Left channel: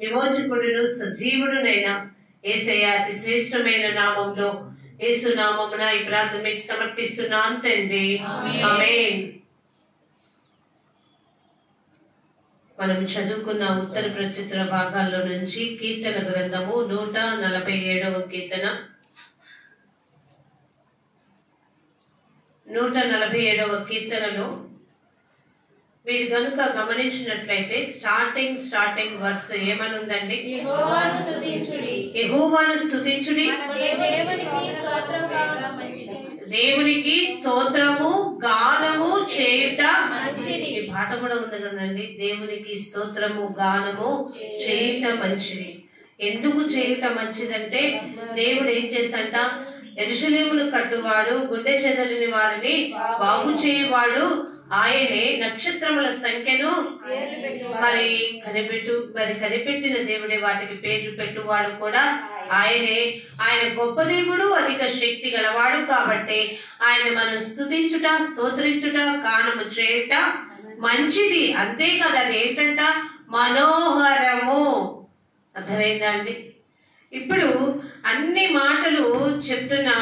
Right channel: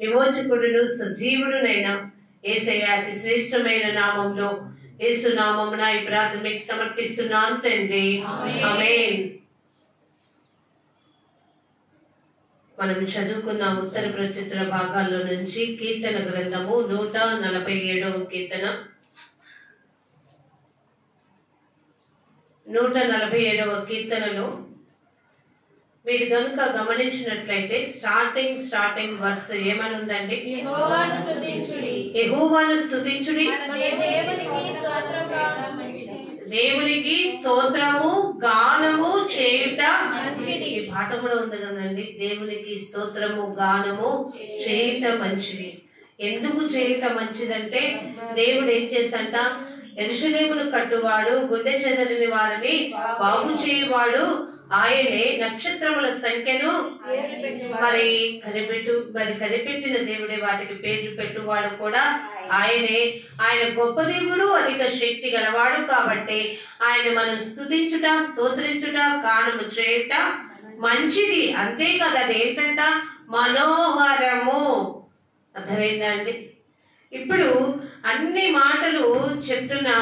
విమోచకుడును సజీవుడునైన యేసయ్య అతి శ్రేష్టమైన నామంలో యేసు నామమున ఈ ప్రార్థన మీకు సమర్పిస్తున్నాను తండ్రి. ఆమేన్. మనం చదువుకున్న ఉత్తర ప్రత్యుత్తర భాగాల్లో నుంచి కీర్తన గ్రంథము 147వ కీర్తన 147వ కీర్తనలో మీరు కనుక గమనించినట్లయితే స్టార్టింగ్ వర్స్ ఏమని ఉందండి? యెహోవాను స్తుతించుడి, దేవునికి స్తోత్రము గానము చేయుట. ఈ పాట కూడా ఉంది కదండి, దేవునికి స్తోత్రము గానము చేయుట మంచిది. ఎందుకు చేయుట మంచిదంటే దేవుడు ఏం చేసంట, యెరూషలేమును కట్టువాడు, గుండె చెదరని వారిని బాగు చేయువాడు ఆయనే, నక్షత్రముల సంఖ్యను మరి కనిపెట్టిన దేవుడే, వాటికి పేర్లు పెట్టువాడు కూడా ఆయనే. ఆయన గొప్ప దేవుడు, అధిక శక్తి గలవాడు కాబట్టి ఆయన మనం స్తుతించుట, స్తోత్రించుట, గానము చేయుట మంచిది. అంతే కదా, అది ఏంటంట? మనోహరము. అర్థమైందా అండి? ఇప్పుడు అన్ని మాటలు చెప్తున్నా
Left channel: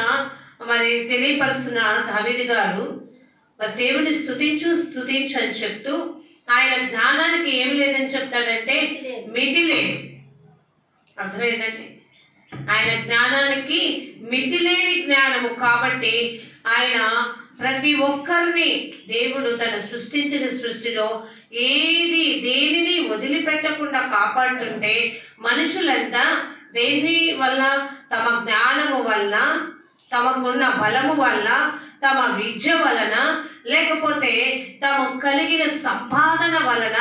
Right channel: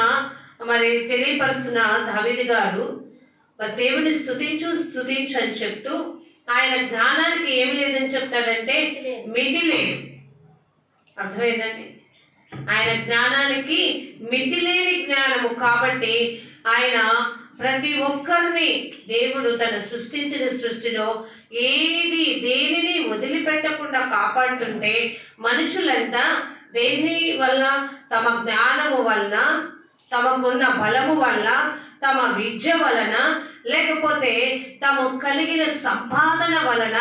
మరి తెలియపరుస్తున్న దావీదు గారు మరి దేవుడిని స్తుతించు అని చెప్తూ ఆయన జ్ఞానానికి ఏమి లేదని చెప్తాడంటే మితి లేదు. అర్థమైందండి? ఆయన జ్ఞానానికి మితి లేని జ్ఞానము కాబట్టి ఆయన ప్రతి ఒక్కరిని దేవుడు తన సృష్టించిన సృష్టిలో దేనిని వదిలిపెట్టకుండా కాపాడుతుంటే మనుషులంతా దేని వల్ల? తమ జ్ఞానము వల్ల, తమకున్న బలము వల్ల, తమ విద్య వలన, లేకపోతే తమకు కలిగిన సంపాదన వలన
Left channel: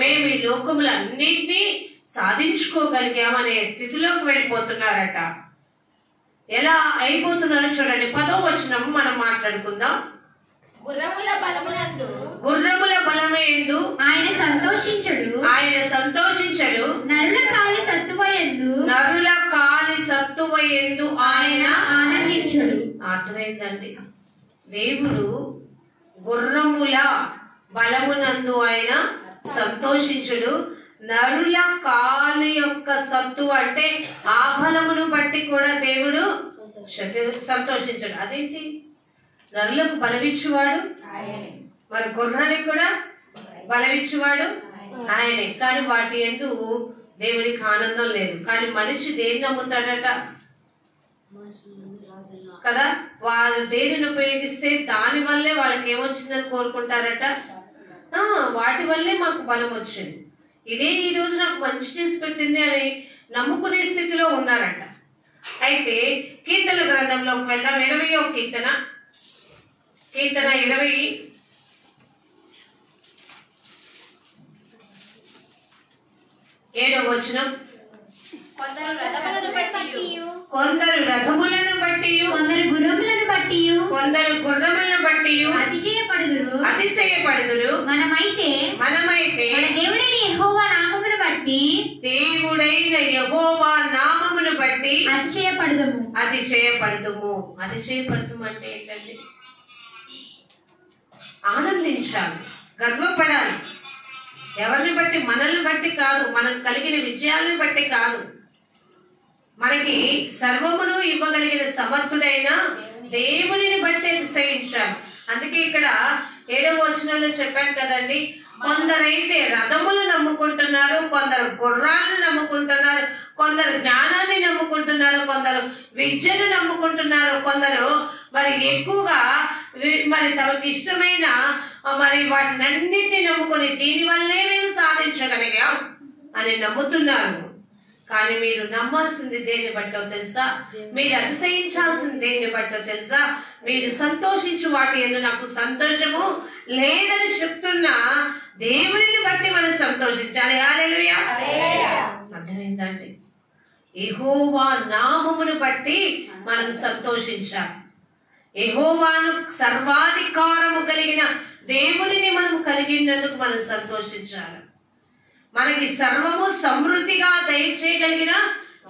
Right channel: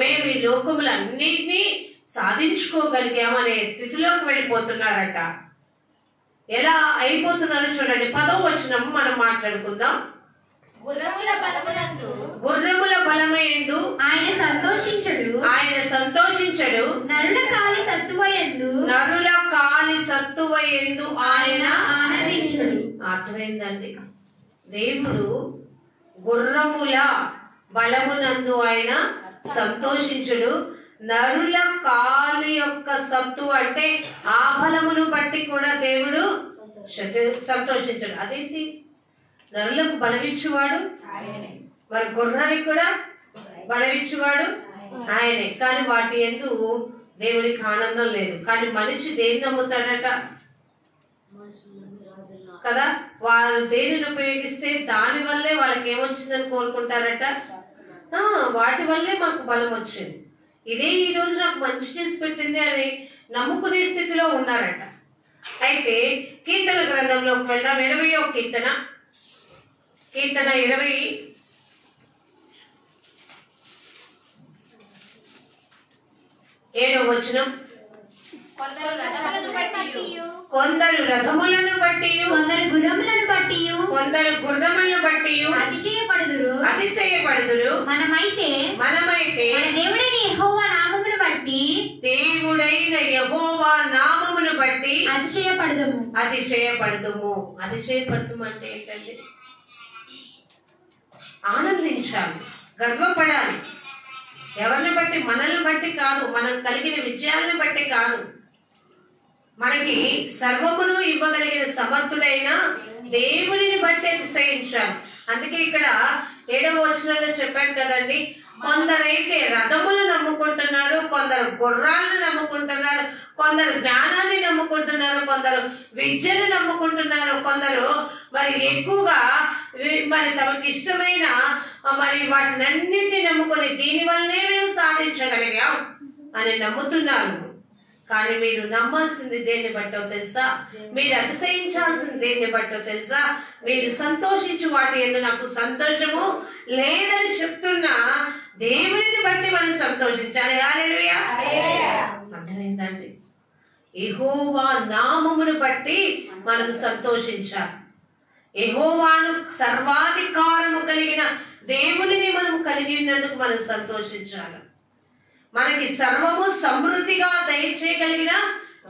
మేము ఈ లోకములన్నింటినీ సాధించుకోగలిగామనే స్థితిలోకి వెళ్ళిపోతున్నారట. ఎలా అయిపోతున్నారో చూడండి. 10వ వచనం మనం మాట్లాడుకుందాం. గుర్రముల బలమేందు ఆయన సంతోషించడు, నరుల కాలి సత్తువయందు ఆయన ఆనందించడు. అర్థమైందండి? దేవుడు గుర్రముల బలమునందు ఆయన సంతోషించడు, నరుల కాలి యొక్క సత్తు అంటే ఆ బలమును బట్టి కూడా దేవుడు సంతోషించడు. అదేంటి? నరులకు బలమిచ్చువాడు మరి గుర్రానికి కూడా బలమిచ్చువాడు ఆయనే. కానీ వాటి యందు దేవునికి ఆనందం లేదు. కానీ మనిషి దేన్ని నమ్ముతాడట కదా? వారు దేనిని ఉపయోగిస్తే దాని వల్లే వాళ్ళకి ఏమొచ్చిందని కోరుకుంటారట. వాటి వల్లే మాకు బలం వచ్చింది, ఇదే ఈ రోజు నాకు మంచి చేసి పెట్టింది అని నమ్ముకునే స్థితిలో ఉన్నారట. అయితే కీర్తన గ్రంథంలోకి వెళ్దాం. 20వ కీర్తన 27వ వచనం. కొందరు రథములను బట్టి, కొందరు గుర్రములను బట్టి అతిశయపడుదురు. మనమైతే మన దేవుడైన యెహోవా నామమును బట్టి అతిశయపడుదుము. అతిశయపడుదుము అంటే ఏంటండి? ఆనందించాలి, గర్వపడాలి. ఎవరిని బట్టి? మనల్ని బట్టి కాదు, మనకు కలిగిన విజయాలను బట్టి కాదు, మనకి సర్వమును ఇవ్వగలిగిన సమర్థుడైన దేవునిని బట్టి అతిశయించాలి. అందుకే ఇక్కడ 7వ వచనంలో చెప్పాను కదండి, కొందరైతే రథములు నమ్ముకుంటున్నారు, కొందరు గుర్రాలను నమ్ముకుంటున్నారు, కొందరు జ్ఞానాన్ని నమ్ముకుంటున్నారు, కొందరు విద్యను నమ్ముకుంటున్నారు, కొందరు మరి ఎక్కువగా మరి తమకు ఇష్టమైన మరి వాటినన్నింటినీ నమ్ముకొని దీనివల్లే మేము సాధించగలిగాం అని నమ్ముతున్నారు. కానీ మీరు నమ్మాల్సింది దేన్ని బట్టో తెలుసా? మీరు అతిశయించాల్సింది దేన్ని బట్టో తెలుసా? మీరు సంతోషించు వాటి యందు నాకు సంతోషము లేదని చెప్తున్నా దేవుడిని బట్టి మనం సంతోషించాలి. హల్లెలూయా. అర్థమైందండి? యెహోవా నామమును బట్టి మనం సంతోషించాలి. యెహోవాను సర్వాధికారము కలిగిన దేవునిని మనం కలిగినందుకు మనం సంతోషించాలి. మనకి సర్వము సమృద్ధిగా దయచేయగలిగిన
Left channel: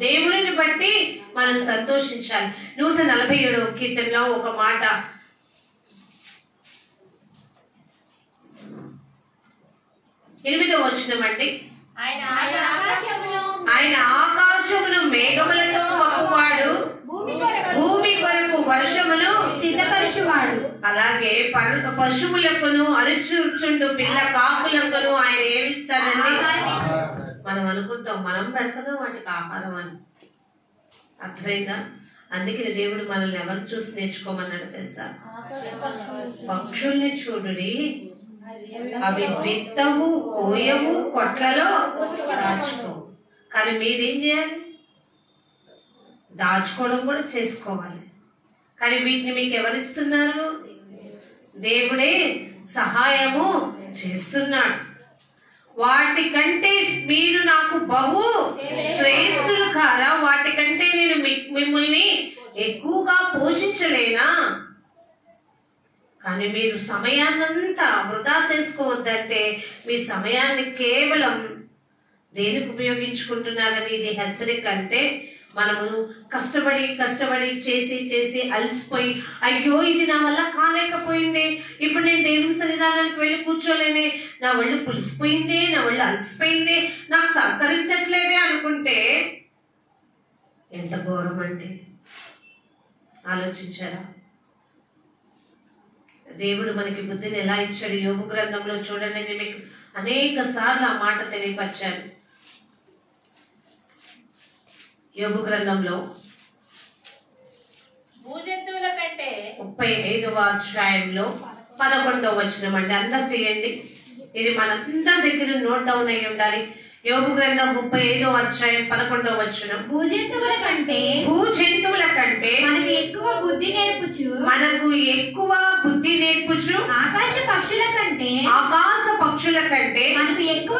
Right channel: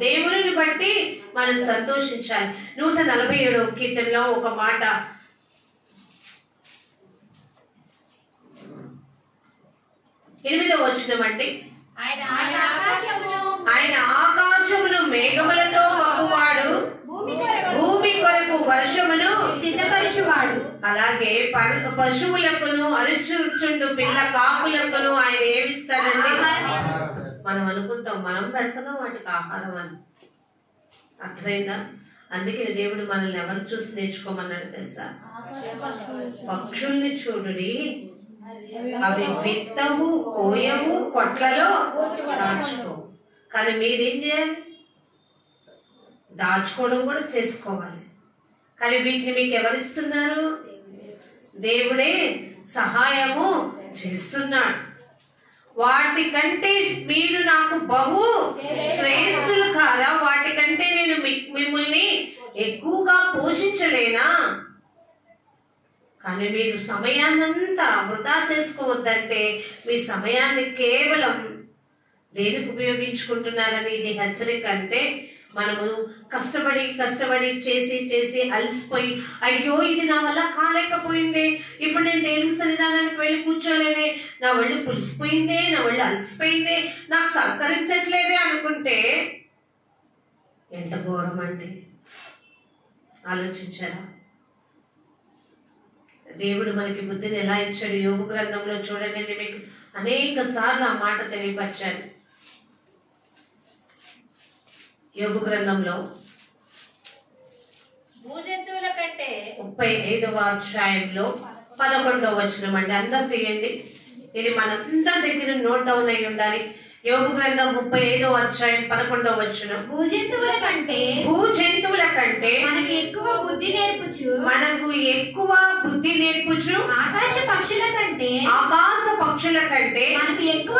దేవుడిని బట్టి మనం సంతోషించాలి. 147వ కీర్తనలో ఒక మాట, 8వ వచనం అండి. ఆయన ఆయన ఆకాశమును మేఘములతో కప్పువాడు, భూమి కొరకు వర్షమును సిద్ధపరచువాడు. అలాగే పశువులకును అరుచుచుండు పిల్ల కాకులకును ఆయన ఏమిస్తాడండి? మనం అనుకుంటాం మనం పెడుతున్నాం వాటికి ఆహారం అని. అర్థమైందా? అందుకే దేవుడు మనల్ని ఎవరు చూసి నేర్చుకోమన్నాడు తెలుసా? పక్షుల్ని చూడుడి, అవి విత్తవు, కోయవు, కొట్లలో దాచుకో. కానీ మీరేం చేయాలి? దాచుకోవడం కూడా చేసుకోవాలి. కానీ వీటిని మీకు ఎవరిస్తున్నారు? దేవుడే సహాయము చేస్తున్నాడు. వాటికంటే మీరు నాకు బహు శ్రేష్ఠులు కాదా? వాటికంటే నేను మిమ్మల్ని ఎక్కువగా పోషించలేనా? కానీ మీరు సమయాన్నంతా వృధా చేసుకోవద్దంటే మీ సమయాన్ని కేవలం దేనికి ఉపయోగించుకుంటున్నారని ఇది హెచ్చరిక. అంటే మనము కష్టపడి చేసి అలసిపోయి, అయ్యో ఇది నా వల్ల కాలేకపోయిందే, ఇప్పుడు నేను దేవుని సన్నిధానానికి వెళ్ళి కూర్చోలేనే, నా ఒళ్ళు పులిసిపోయిందే, నా ఒళ్ళు అలసిపోయిందే, నాకు సహకరించట్లేదే అనుకుంటే ఎంత ఘోరం అండి. ఆలోచించారా? దేవుడు మనకి బుద్ధిని ఎలా ఇచ్చాడు? యోబు గ్రంథంలో చూడండి, నేను మీకు అనేక సార్లు ఆ మాట తెలియపరిచాను. యోబు గ్రంథంలో భూజంతువుల కంటే 35వ అధ్యాయంలో 11వ వచనం అండి. అందరు తీయండి, ఇది మనందరి దగ్గర నోట్ డౌన్ అయి ఉండాలి. యోబు గ్రంథం 35వ అధ్యాయం 11వ వచనం. భూజంతువుల కంటే మనకు ఎక్కువ బుద్ధి నేర్పుచు ఆకాశ పక్షుల కంటే మనకు ఎక్కువ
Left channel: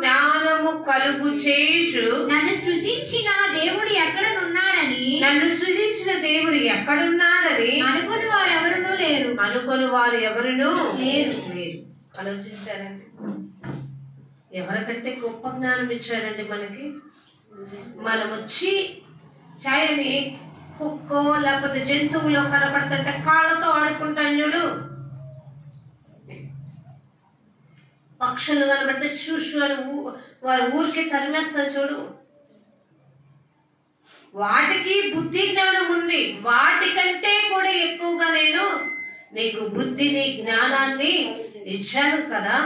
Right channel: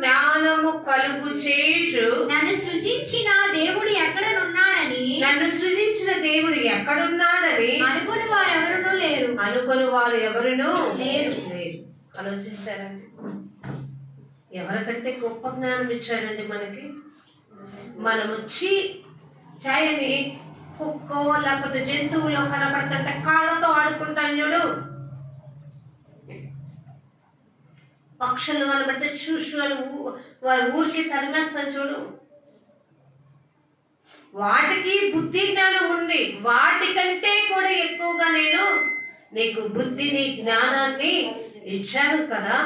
జ్ఞానము కలుగు చేయుచు నన్ను సృజించిన దేవుడు ఎక్కడున్నాడని అనుకుని వారు ఎవరునూ లేరు. ఆలోచించారండి, ఎవరికంటే గొప్ప జ్ఞానం ఇచ్చాడండి మనకి. మనము చాయని కుక్కో లేకపోతే జంతువులో కనపడుతుంటే కాళ్ళతో ఆడుకుంటాం చూడు, పక్షులు కనబడితే చూసు అని వారి ఊరికి తరిమేస్తాను చూడు. వాటికి బుద్ధి జ్ఞానం ఉంది. వాటికంటే కూడా ఎక్కువగా నేను నీకు బుద్ధిని జ్ఞానాన్ని ఇచ్చాను కదా.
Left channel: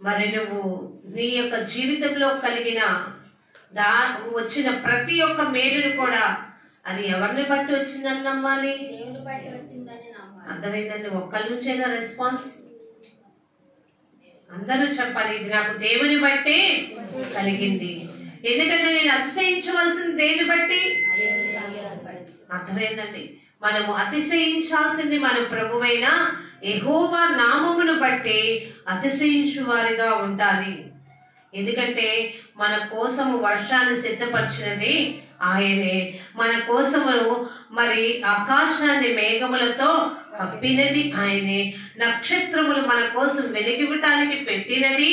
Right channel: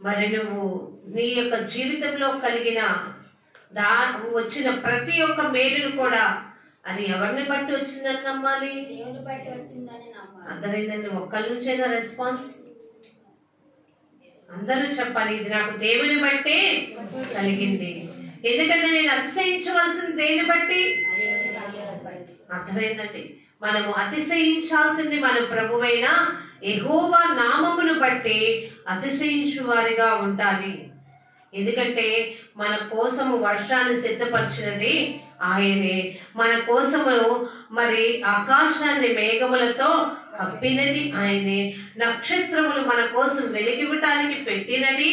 మరి నువ్వు నీ యొక్క జీవితంలో కలిగిన వచ్చిన ప్రతి ఒక్క మేలును కూడా అది ఎవరిని బట్టి వచ్చిందని నమ్మాలి? అర్థమైందండి? ఒక్కరి నుంచైనా రెస్పాన్స్ అందరూ చెప్పాలి, ఇది నాకు దేవుని బట్టే కలిగింది. ఎందుకంటే నేను అతిశయించవలసింది దేని బట్టి? అర్థమైందండి? మనము అతిశయించాల్సింది మన ప్రభువైన యెహోవా నామమును బట్టి అతిశయించు వారిగా ఉండాలి. ఎందుకంటే మన కోసము వర్షాన్ని సిద్ధపరిచినది ఆయనే, మన కోసము మరి ఆకాశాన్ని మేఘములతో కప్పినది ఆయనే, నక్షత్రములు మన కోసం వెలిగివ్వటానికి పెట్టినది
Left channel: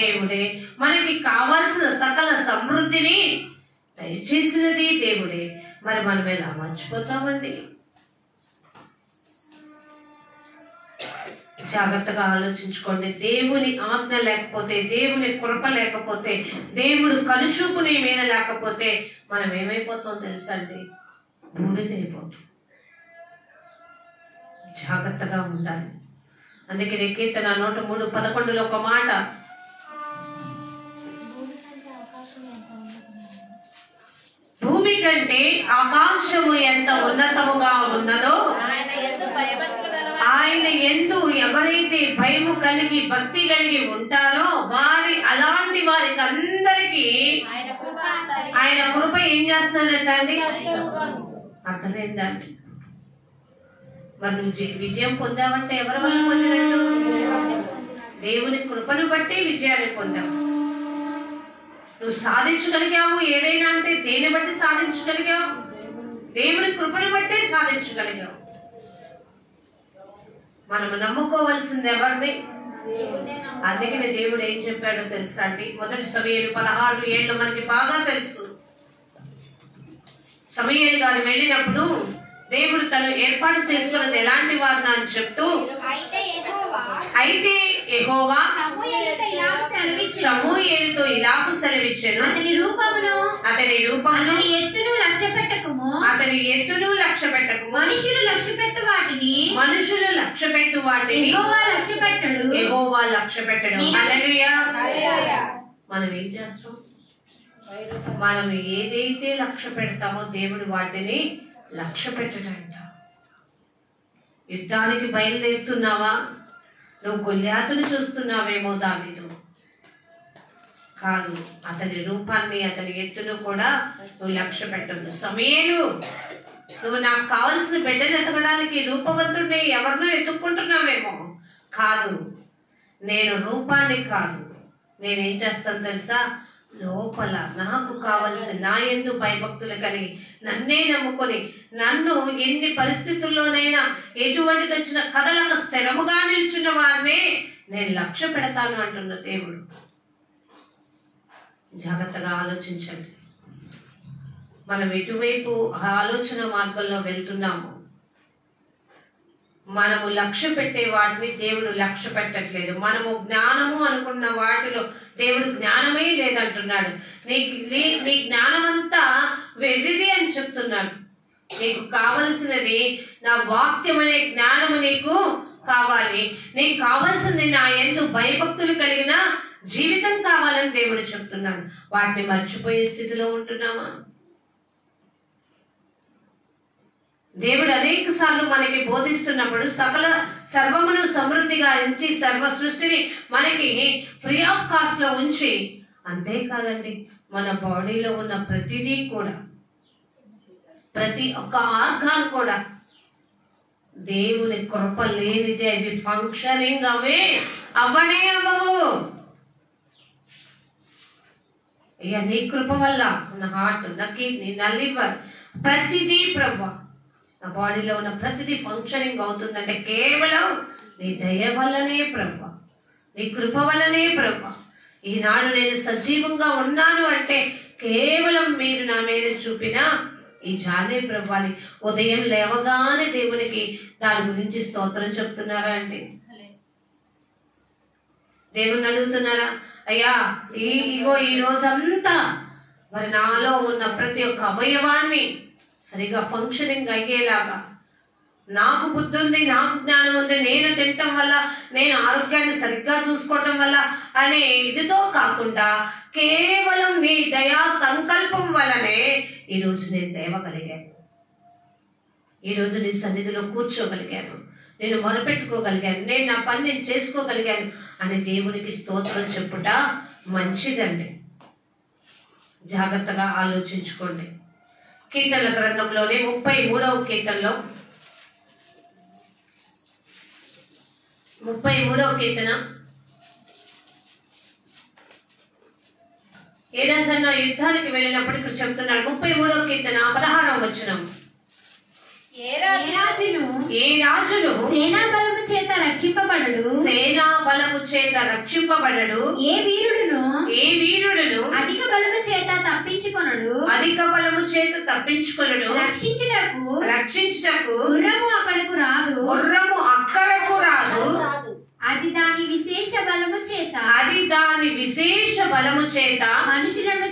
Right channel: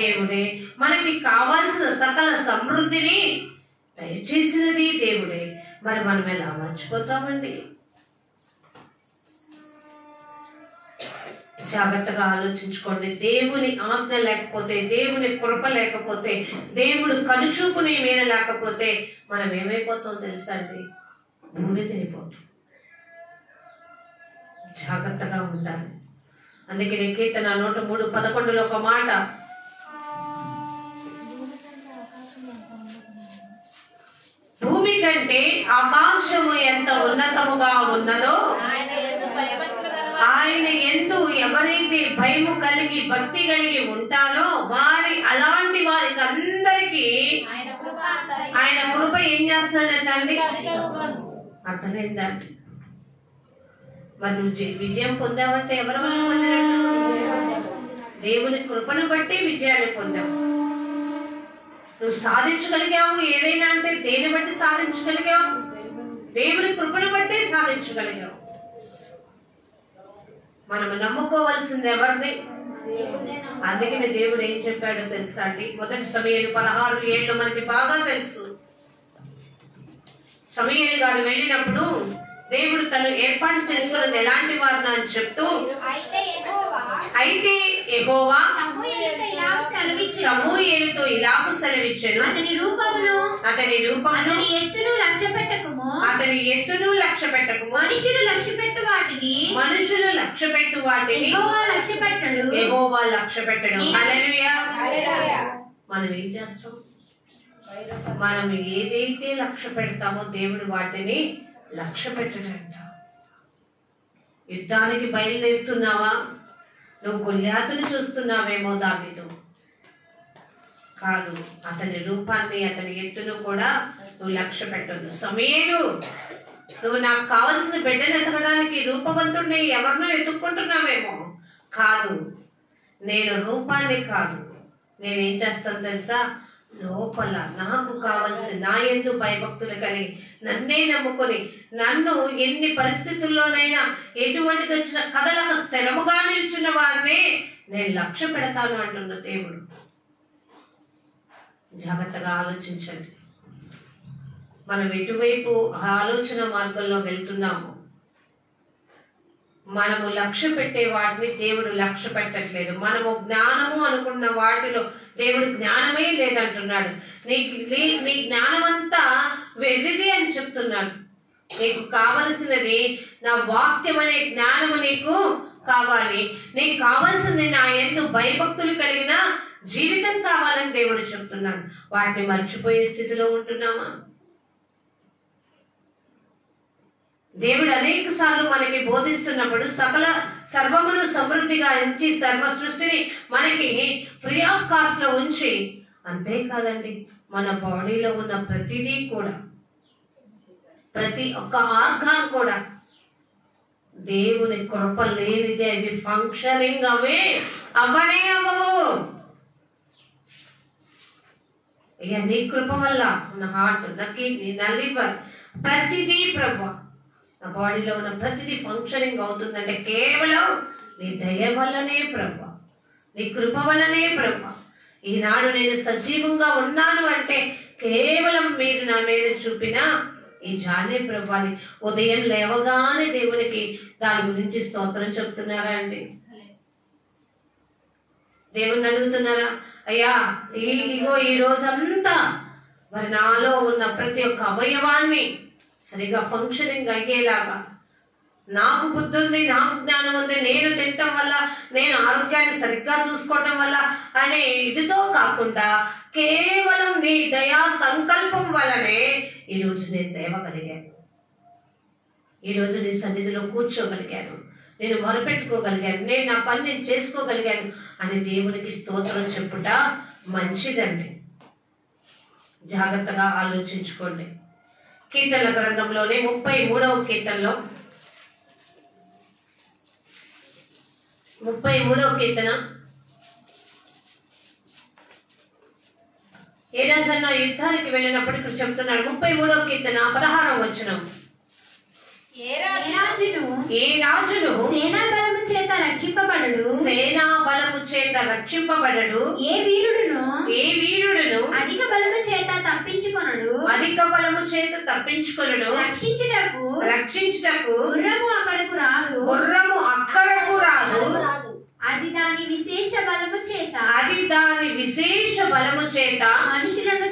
దేవుడే, మనకి కావాల్సిన సకల సమృద్ధిని దయచేసినది దేవుడే. మరి మనం ఎలా మర్చిపోతామండి? జాగ్రత్తగా ఆలోచించుకోండి. దేవుని ఆజ్ఞ లేకపోతే, దేవుని కృప లేకపోతే, దేవుడు కనుచూపు నీ మీద లేకపోతే మనం ఏమైపోతాం తెలుసా అండి? బూడిదైపోతాం. జాగ్రత్తగా ఉండాలి. అందుకే కీర్తన 103:11 ఒక మాట, భూమి కంటే ఆకాశము ఎంత ఉన్నతముగా ఉన్నదో ఆయన యందు ఎవరైతే భయము కలిగి భక్తి కలిగి ఉంటారో అలాంటి వారికి అందరికీ ఆయన కృప ఏం చేస్తున్నాడట అండి? అర్థమైందా? మరి నువ్వు విజయం పొందావంటే ఎవరి వల్ల పొందినట్టు? దేవుని కృపను బట్టి విజయాన్ని పొందావు. నువ్వు సాధించగలిగావు ఏదైనా అంటే దేని బట్టి సాధించగలిగావు? దేవుని కృపను బట్టి సాధించగలిగావు. మనము నమ్ముకోవాల్సింది ఎవరిని? అందుకనే దేవుడు ఏం చెప్పాడో తెలుసా అండి? 1 సమూయేలు 16:7 మనకి బాగా తెలుసు. సమూయేలు గారు వెళ్ళినప్పుడు దేవుడు తను ఏర్పాటు చేసుకున్నది ఎలాంటి వారిని అని చెప్తూ, అయితే యెహోవా సమూయేలుతో ఇలాగు సెలవిచ్చెను, అతని రూపమును అతని ఎత్తును లక్ష్య పెట్టకుము, మనుషులు లక్ష్య పెట్టు వాటిని యెహోవా లక్ష్య పెట్టడు. హల్లెలూయా. మనం ఏం చేస్తాం? మనం ఏదైతే లక్ష్య పెడతామో దేవుడు వాటిని లక్ష్య పెట్టడంట. యుద్ధానికి బయలుదేరుతున్నావా? నువ్వు గొల్యాతుని చూస్తున్నావేమో దావీదు, కాదు, అతని రూపాన్ని అతని ఎత్తును కూడా నువ్వు లక్ష్య పెట్టదు. సమూయేలు, నువ్వు నాకు కావలసిన బిడ్డను ఎతకడానికి రూపవంతుడిని ఎవరినో ఎత్తుక్కుంటున్నావేమో, కాదు, నేను రూపాన్ని కాదు, నేనేం చేస్తాను తెలుసా? లోపల నాకు కావలసిన నా యందు భయభక్తులు కలిగి నన్నే నమ్ముకొని నన్ను ఎన్ని పరిస్థితుల్లోనైనా ఎటువంటిది వచ్చిన కథలకు స్థిరముగా నిల్చున్న వారినే నేను లక్ష్య పెడతాను అంటున్న దేవుడు. జాగ్రత్తగా ఆలోచించండి. మనం ఎటువైపు ఆలోచన మార్గంలో వెళ్తున్నాము. మనము లక్ష్య పెట్టే వాటిని దేవుడు లక్ష్య పెట్టట్లేదు. మనము జ్ఞానము అనుకున్న వాటిలో దేవుడు జ్ఞానమే లేదంటున్నాడు. నీ జ్ఞానమంతా వెళ్ళిది అని చెప్తున్నాడు. నీకు కావలసినది నా వాక్యం అనే జ్ఞానము నీకు కావాలి. నీకు కావలసింది నా యందు భయభక్తులు కలిగిన జీవితం కావాలని దేవుడు చెప్తున్నాడు. వాటిని మర్చిపోయే స్థితిలో ఉంటున్నామా? దేవుడు అనేక సార్లు మనకి బోధిస్తున్నప్పుడు సర్వమును సమృద్ధిగా ఉంచి సర్వ సృష్టిని మనకి ఫ్రీ ఆఫ్ కాస్ట్ లో ఉంచి, అంతేకాదండి, మన బాడీలో ఉన్న ప్రతిదీ కూడా, ప్రతి ఒక్క ఆర్గాన్ కూడా దేవుని కృప లేనిదే అవి ఫంక్షనింగ్ అవ్వవు. ఇక నీ కృప వల్ల నా హార్ట్, నా కిడ్నీ, నా లివర్, ప్రతిదీ ప్రభా, నా బాడీలో ఉన్న ప్రతిదీ ఫంక్షనింగ్ అవుతుందంటే కేవలం నీ దయ వల్లనే ప్రభా, నీ కృప వల్లనే ప్రభా. ఈనాడు నేను సజీవంగా ఉన్నాను అంటే కేవలం మీరు నా మీద చూపిన ఈ జానే ప్రభాని. ఉదయం లేవగానే దేవునికి దాని గురించి స్తోత్రం చెప్తున్నారా అండి? దేవుణ్ణి అడుగుతున్నారా? అయ్యా ఇగో ఈ రోజంతా మరి నాలో ఉన్న ప్రతి ఒక్క అవయవాన్ని సరిగా ఫంక్షనింగ్ అయ్యేలాగా, నాకు బుద్ధి ఉంది, నాకు జ్ఞానం ఉంది, నేను తినటం వల్ల, నేను ఆరోగ్యాన్ని సరిగ్గా చూసుకోవటం వల్ల అనే ఇదితో కాకుండా కేవలం నీ దయా సంకల్పం వల్లనే ఈరోజు నేను లేవగలిగాను, ఈరోజు నీ సన్నిధిలో కూర్చోగలిగాను, నేను మొరపెట్టుకోగలిగాను, నేను నా పని నేను చేసుకోగలిగాను అని దేవునికి స్తోత్రం చెప్పుట మంచిదండి. జాగ్రత్తగా ఆలోచించుకోండి. కీర్తనల గ్రంథంలోనే 33వ కీర్తనలో 33వ కీర్తన, ఏ రాజన్నా యుద్ధానికి వెళ్ళినప్పుడు ఇక్కడ చెప్తున్నాడు. 33వ కీర్తన 16వ వచనం, ఏ రాజును సేనా బలము చేత రక్షింపబడడు, ఏ వీరుడును అధిక బలము చేత తప్పించుకొనడు, రక్షించుటకు గుర్రము అక్కడకు రాదు, అది దాని విశేష బలము చేత మనుషులను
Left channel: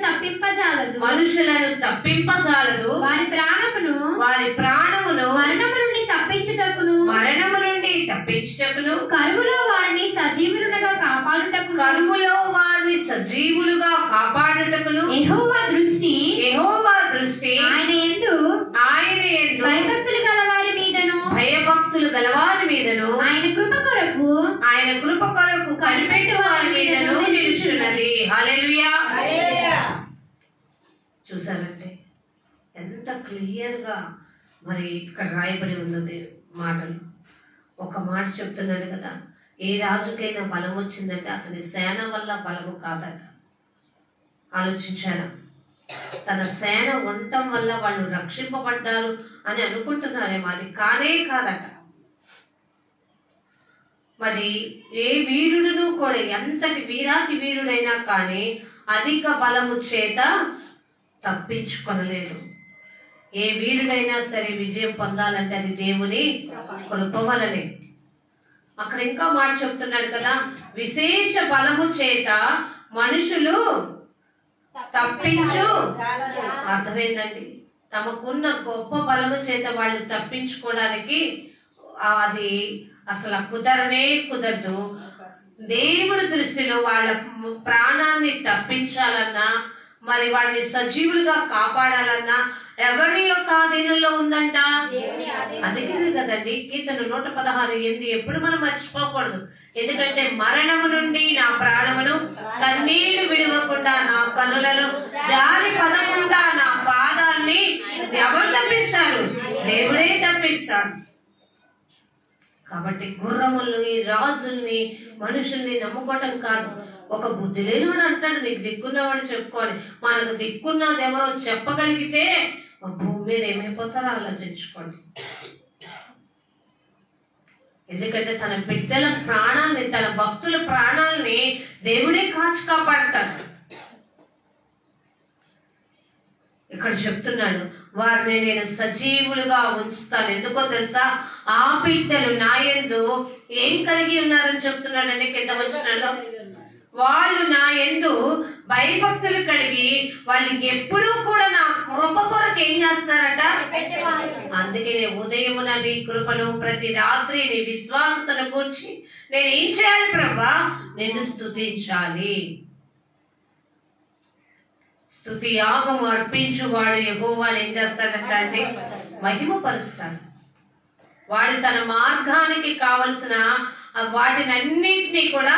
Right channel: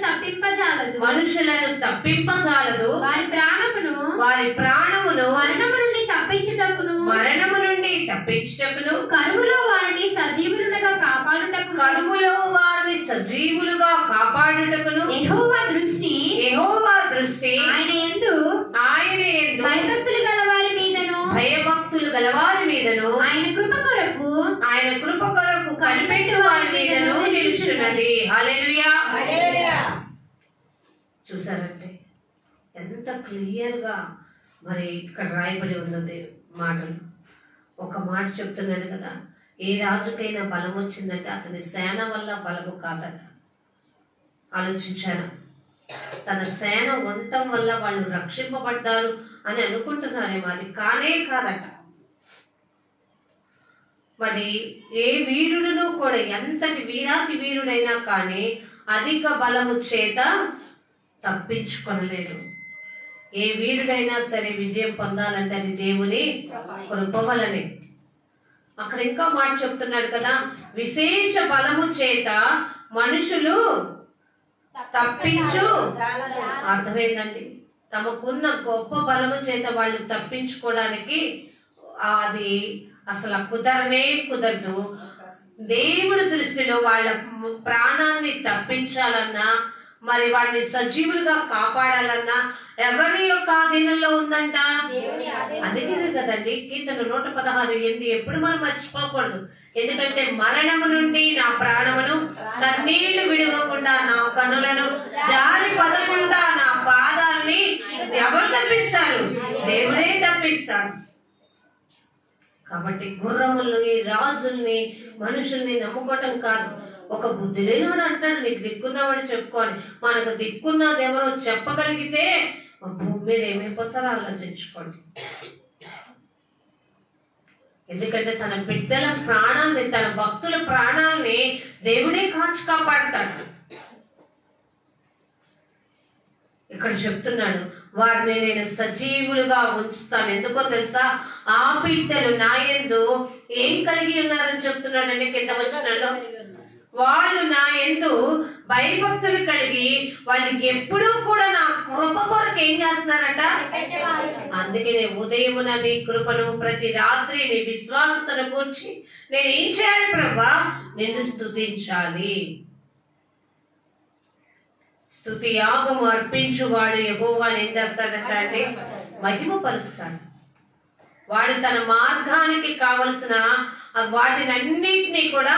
తప్పింపజాలదు, వారి ప్రాణమును మరణము నుండి తప్పించుటకును కరువులో వారిని సజీవులుగా కాపాడుటకును యెహోవా దృష్టి ఆయన యందు భయభక్తులు గలవారి మీదను ఆయన కృప కొరకు కనిపెట్టు వారి మీదను నిలుచున్నది. హల్లెలూయా. చూసారంటే ఎంత క్లియర్ గా మరి ఇక్కడ రాయబడి ఉన్నది మాటలు. ఒక మాట చెప్తున్నాడు కదా, ఏ రాజుకైనా బలం వచ్చిందంటే అతని సేన వల్ల బలము కాదట. ఆలోచించారా? తన సేన ఉండటం వల్ల వాళ్ళు రక్షింపబడ్డారు అని అనుకుంటున్నారేమో, అది కానే కాదట. మరి ఏ వీరుడును కూడా ఎంతటి వీరాతి వీరుడైనా కానీ అధిక బలము చేత తప్పించుకొనలేడు. ఏ వీరుడైనా సరే విజయం పొందాలంటే అది దేవుని కృప వలనే. అక్కడ ఇంకా మాట చెప్తున్నాడు కదా, విశేష బలము చేత మనుషులు తప్పించు. అర్థమైందండి, తమకున్న గొప్ప బలము చేత వాళ్ళు తప్పించుకోవడానికి అది అసలు కుదరనే కుదరదు. దేవుడి దృష్టిలో వాళ్ళ ప్రాణాన్ని తప్పించాలన్నా, మరి వాడిని సజీవులుగా కాపాడాలన్నా ఎవరి యొక్క ఆధీనంలో ఉందంట? అందుకే కదండి కీర్తన 116:8 ఎప్పుడు మనం మర్చిపోకూడదు. ఎందుకంటే మరణము నుండి నా ప్రాణమును, కన్నీళ్లు విడవకుండా నా కనులను, జారి పడకుండా నా పాదాల్ని ఎవరు తప్పిస్తారు? దేవుడే తప్పిస్తాడు. కాబట్టి గుర్రముల్ని, రాజుల్ని, మనుషుల్ని నమ్ముకోవటం కాదు. ఒక బుద్ధి లేనివాడు అంటాడు, నీకు దిక్కున్నవాడు చెప్పుకోని. మనకు దిక్కున్నది ఎవరో చెప్పగలిగితే భూమి మీద ఏమైపోతారో ఆలోచించుకోండి. ఎందుకంటే తన బిడ్డల ప్రాణాన్ని, తన భక్తుల ప్రాణాలని దేవుడే కాచి కాపాడతాడు. ఇక్కడ చెప్తున్నాడు, వారిని నేను సజీవులుగా ఉంచుతాను. ఎందుకో తెలుసా? ఆ బిడ్డలు నా యందు ఏం కలిగి ఉన్నారని చెప్తున్నాడండి కింద వచనంలో. వాళ్ళు నా యందు భయభక్తులు కలిగి వాళ్ళకి ఎప్పుడూ కూడా నా కృప కొరకు ఏం చేస్తున్నారట? అందుకే ఉదయమున నీ కృపను, ప్రతి రాత్రి నీ విశ్వాసతను కూర్చి నేను ఏం చేయాలి ప్రభా? నిన్ను స్తుతించాలి. స్తుతి యాగము అర్పించువాడు యెహోవాను ఏం చేస్తాడంట అంటే మహిమపరుస్తాడు. వాడు తన మార్గానికి కావలసిన వాటినన్నిటినీ కూడా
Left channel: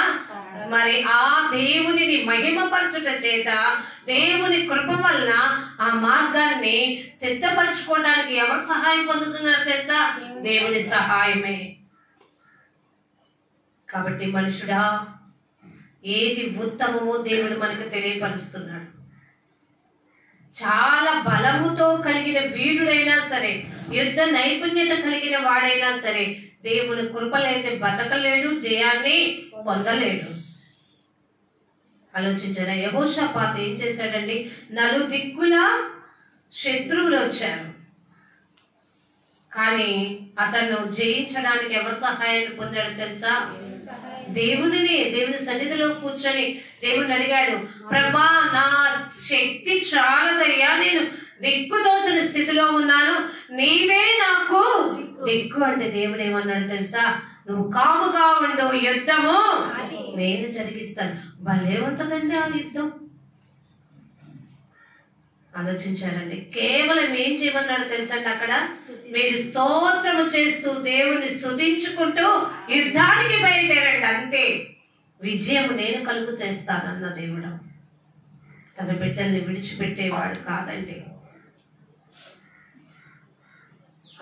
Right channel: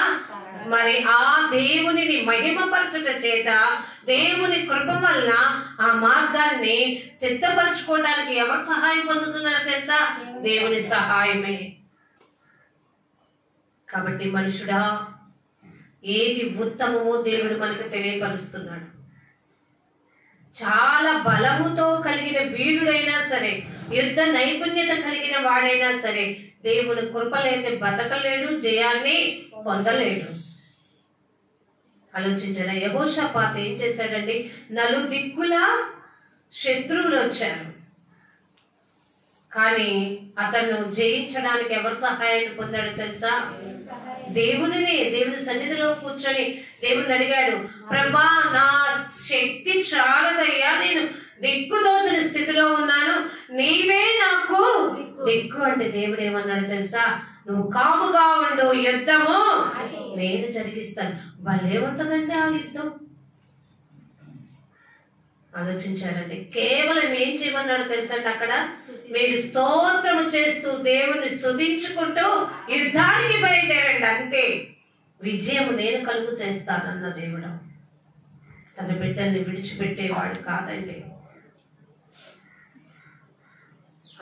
మరి ఆ దేవునిని మహిమపరచుట చేత, దేవుని కృప వలన ఆ మార్గాన్ని సిద్ధపరచుకోవడానికి ఎవరు సహాయం పొందుతున్నారో తెలుసా? దేవుని సహాయమే. కాబట్టి మనుషుడా, ఏది ఉత్తమమో దేవుడు మనకు తెలియపరుస్తున్నాడు. చాలా బలముతో కలిగిన వీరుడైనా సరే, యుద్ధ నైపుణ్యత కలిగిన వాడైనా సరే, దేవుని కృపలైతే బతకలేడు, జయాన్ని పొందలేడు. ఆలోచించారా? యెహోషాపాతు ఏం చేశాడండి? నలుదిక్కుల శత్రువులు వచ్చారు, కానీ అతను జయించడానికి ఎవరు సహాయాన్ని పొందాడు తెలుసా? దేవుని సన్నిధిలో కూర్చొని దేవుని అడిగాడు, ప్రభా నా శక్తి చాలదయ్యా, నేను దిక్కుదోచని స్థితిలో ఉన్నాను, నీవే నాకు దిక్కు అంటే దేవుడు ఏమన్నాడు తెలుసా? నువ్వు కాముగా ఉండు, యుద్ధము నేను జరిగిస్తాను. భలే ఉంటదండి ఆ యుద్ధం. ఆలోచించారండి. కేవలం ఏం చేయమన్నాడు తెలుసండి అక్కడ? మీరు స్తోత్రము చేస్తూ దేవుని స్తుతించుకుంటూ యుద్ధానికి బయలుదేరండి, అంతే. విజయం నేను కలుగు చేస్తానన్న దేవుడు తన బిడ్డల్ని విడిచిపెట్టేవాడు కాదండి.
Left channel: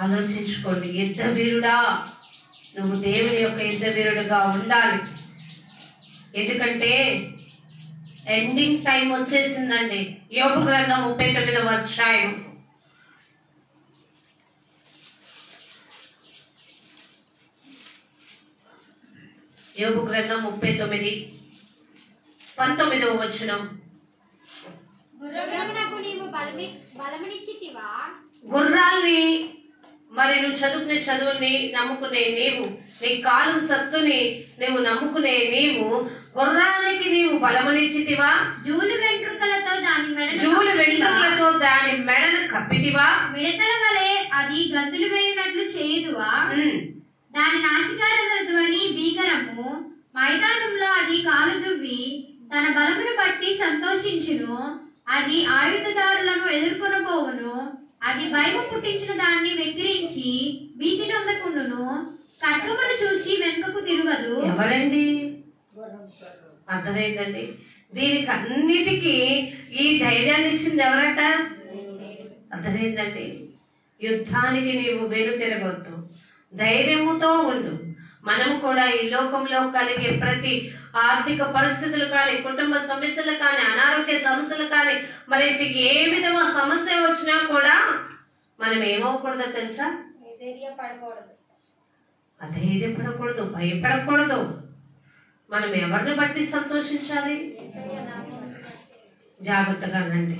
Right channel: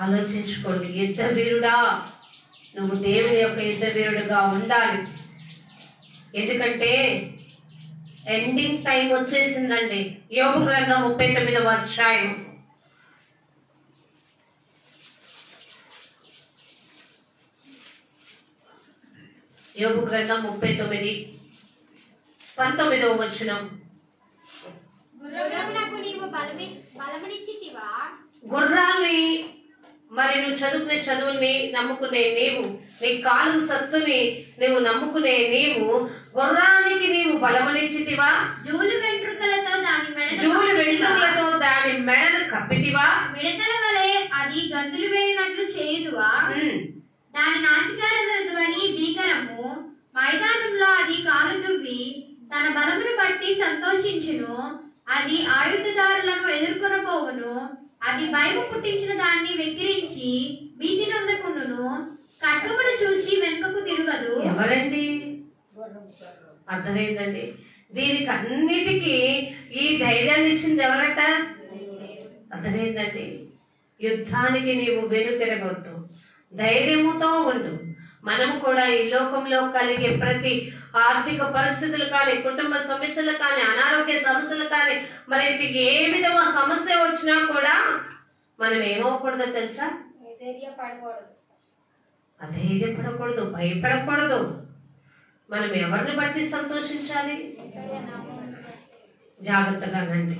ఆలోచించుకోండి. యుద్ధ వీరుడా, నువ్వు దేవుని యొక్క యుద్ధ వీరుడుగా ఉండాలి. ఎందుకంటే ఎండింగ్ టైం వచ్చేసిందండి. యోబు గ్రంథం 39వ అధ్యాయం. యోబు గ్రంథం 39:19వ వచనం. గుర్రాల్ని మరి నువ్వు చదువుకునే చదువుల్ని నమ్ముకునే నీవు, నీ కాలు సత్తుని నువ్వు నమ్ముకునే నీవు, గుర్రానికి నీవు బలమునిచ్చితివా? జూలు వెంట్రుకలతో దాని మెడను కప్పితివా? మిడతల వలె అది గంతులు వేయునట్లు చేయుదువా? దాని నాసికాల ధ్వని భీకరము. మైదానంలో అది కాలు దువ్వి తన బలమును బట్టి సంతోషించును. అది ఆయుధదారులను ఎదుర్కొనబోవును. అది భయము పుట్టించిన దాన్ని వెక్కిరించి భీతి నొందకుండును. ఖడ్గమును చూచి వెనుకకు తిరగదు. ఎవరండి? అర్థమైందండి. దీనికి అన్నిటికీ ఈ ధైర్యాన్ని ఇచ్చింది ఎవరట? అర్థమైందండి. యుద్ధానికి నీవు వెను తిరగొద్దు, ధైర్యముతో ఉండు. మనం కూడా ఈ లోకంలో కలిగే ప్రతి ఆర్థిక పరిస్థితులు కానీ, కుటుంబ సమస్యలు కానీ, అనారోగ్య సమస్యలు కానీ, మరి ఏ విధమైన సమస్య వచ్చినా కూడా మనం ఏమవకూడదో తెలుసా? అధైర్యపడకూడదు, భయపడకూడదు. మనం ఎవరిని బట్టి సంతోషించాలి? జాగ్రత్తగానండి.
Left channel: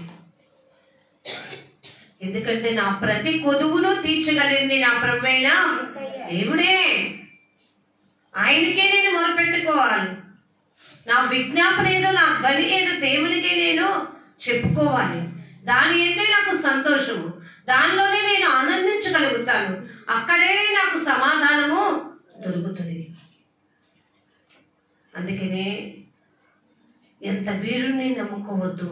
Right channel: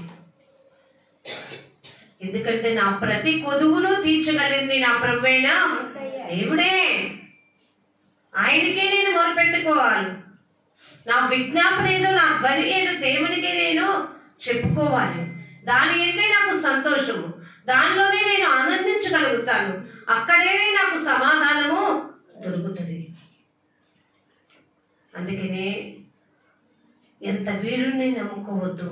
ఎందుకంటే నా ప్రతి కొదువును తీర్చగలిగింది నా ప్రభువైన దేవుడే. ఆయనకే నేను మొరపెట్టుకోవాలి. నా విజ్ఞాపన ఏదో, నా ధ్వని ఏదో దేవునికే నేను చెప్పుకోవాలి. దాని అయితే నాకు సంతోషము, దానిలోనే నేను ఆనందించగలుగుతాను. అక్కడే నాకు సమాధానము దొరుకుతుంది. అందుకనే ఎంత వీరుణ్ణి నమ్ముకోవద్దు.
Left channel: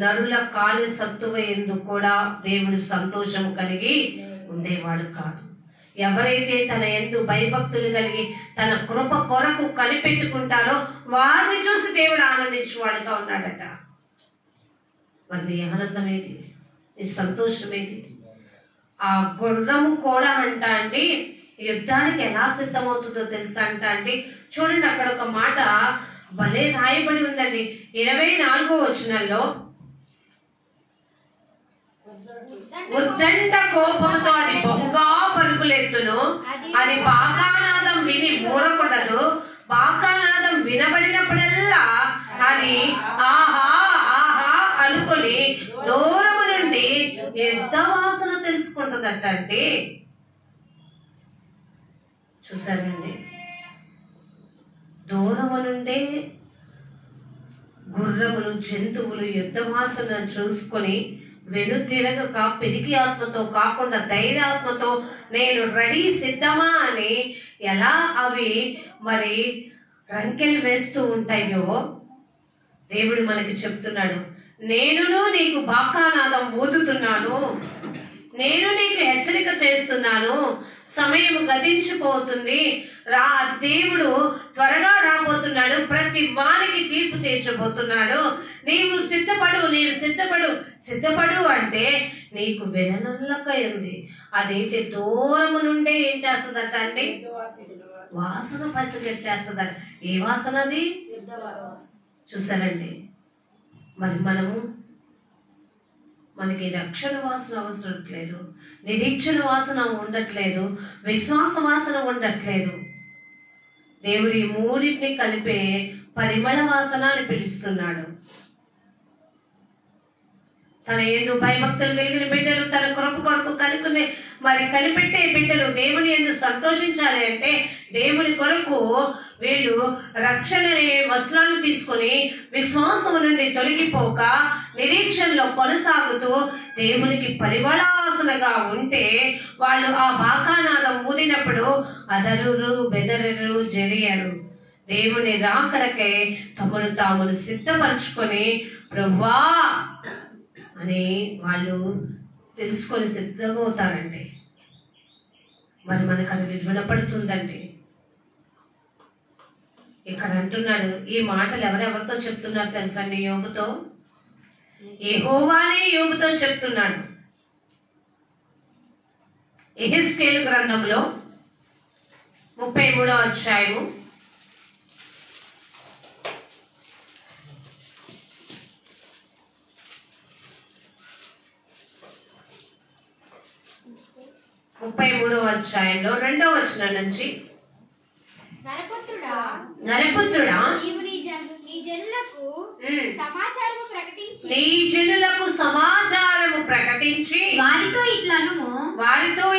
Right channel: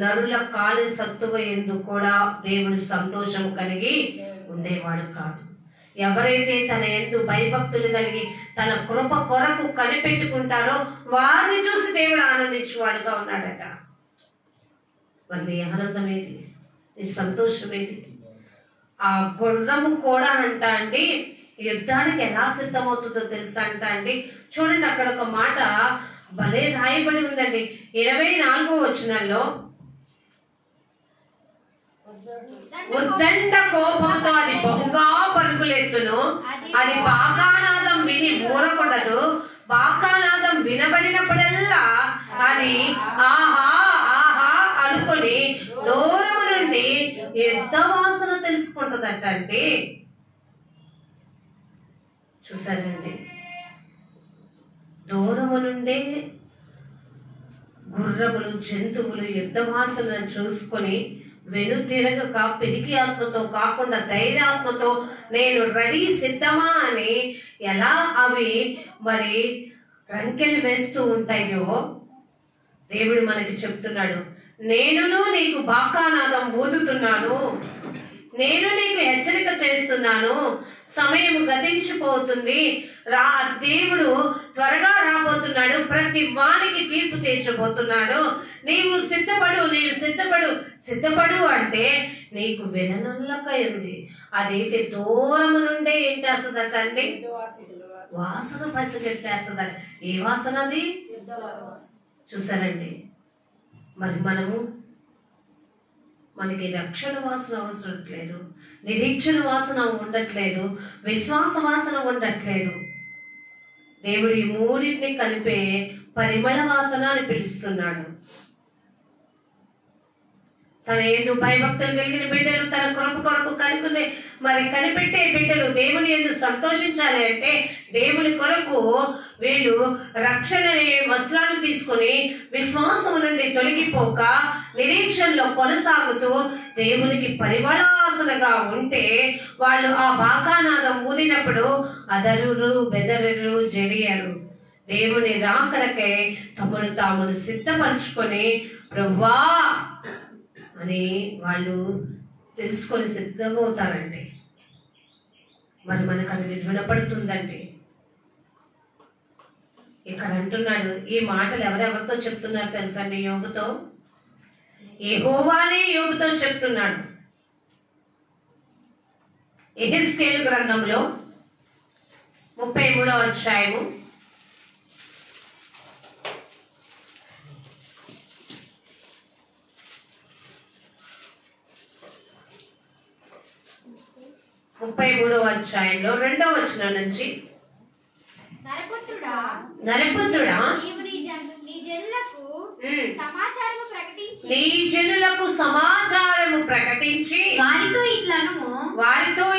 నరుల కాలి సత్తువ ఎందు కూడా దేవుడు సంతోషం కలిగి ఉండేవాడు కాదు. ఎవరైతే తన యందు భయభక్తులు కలిగి తన కృప కొరకు కనిపెట్టుకుంటారో వారిని చూసి దేవుడు ఆనందించేవాడుగా ఉన్నాడట. మరి నీ ఆనందం ఏది? నీ సంతోషం ఏది? ఆ గుర్రము కూడా అండి యుద్ధానికి ఎలా సిద్ధమవుతుందో తెలుసా అండి. చూడండి, అక్కడ ఒక మాట భలే రాయబడి ఉందండి. 24వ వచనంలో, ఉద్దండ కోపంతో అది బహుగా పరుగులెత్తును, అది బాకానాదం విని ఊరకూడదు, బాకానాదం వినబడినప్పుడల్లా అది ఆహా ఆహా అనుకుని దూరము నుండి యుద్ధ వాసన తెలుసుకుంటుందట అండి. చూసారండి, దూరము నుండే గుర్రములు జంతువులు యుద్ధ వాసన చూసుకొని వెనుతిరగక పిరికి ఆత్మతో కాకుండా ధైర్యాత్మతో నేను రెడీ సిద్ధమా అని ఎలా అవి మరి రంకెలు వేస్తూ ఉంటాయో దేవుడు మనకి చెప్తున్నాడు. నేనును నీకు బాకానాదం ఊదుతున్నాను, నేను నీకు హెచ్చరిక చేస్తున్నాను. సమయం గతించిపోతుంది, దేవుడు త్వరగా రాబోతున్నాడు, ప్రతి వానికి తీర్పు తీర్చబోతున్నాడు. నీవు సిద్ధపడు, నీవు సిద్ధపడు. సిద్ధపడు అంటే నీకు వెననల్లక ఉంది. అదైతే దూరము నుండే ఏం చేస్తుందట అండి? వాసన పసిగట్టేస్తుందట. ఏ వాసన అది? చూసారండి, మరి మనకి రక్షణ వాసన అవసరం లేదు, నిరీక్షణ వాసన ఉండట్లేదు, విశ్వాస వాసన ఉండట్లేదు. దేవుడు ఈ మూడింటిని కలిపే పరిమళ వాసన అని పిలుస్తున్నాడు. తన యందు భయభక్తులు కలిగిన బిడ్డలు, తన కృప కొరకు కనిపెట్టే బిడ్డలు దేవుని యందు సంతోషించాలి అంటే దేవుని కొరకు వీళ్ళు రక్షణ వస్త్రాలు తీసుకుని విశ్వాసము నుండి తొలగిపోక నిరీక్షణలో కొనసాగుతూ దేవునికి పరిమళవాసనగా ఉంటే వాళ్ళు ఆ బాకానాదం ఊదినప్పుడు అదరురు బెదరరు జడియరు. దేవుని రాకడకై తమను తామును సిద్ధపరచుకొని ప్రభువా అని వాళ్ళు తెలుసుకొని సిద్ధమవుతారండి. మరి మనకు అది వినపడుతుందండి. ఇక్కడ అంటున్నాడు, ఈ మాటలు ఎవరెవరితో చెప్తున్నారు తెలుసా అండి? యోబుతో. యెహోవానే యోబుతో చెప్తున్నాడు. యెహెజ్కేలు గ్రంథంలో 33వ అధ్యాయము 33వ అధ్యాయంలో 2వ వచనం నుంచి, నరపుత్రుడా నీవు నీ జనులకు సమాచారము ప్రకటించి వారితో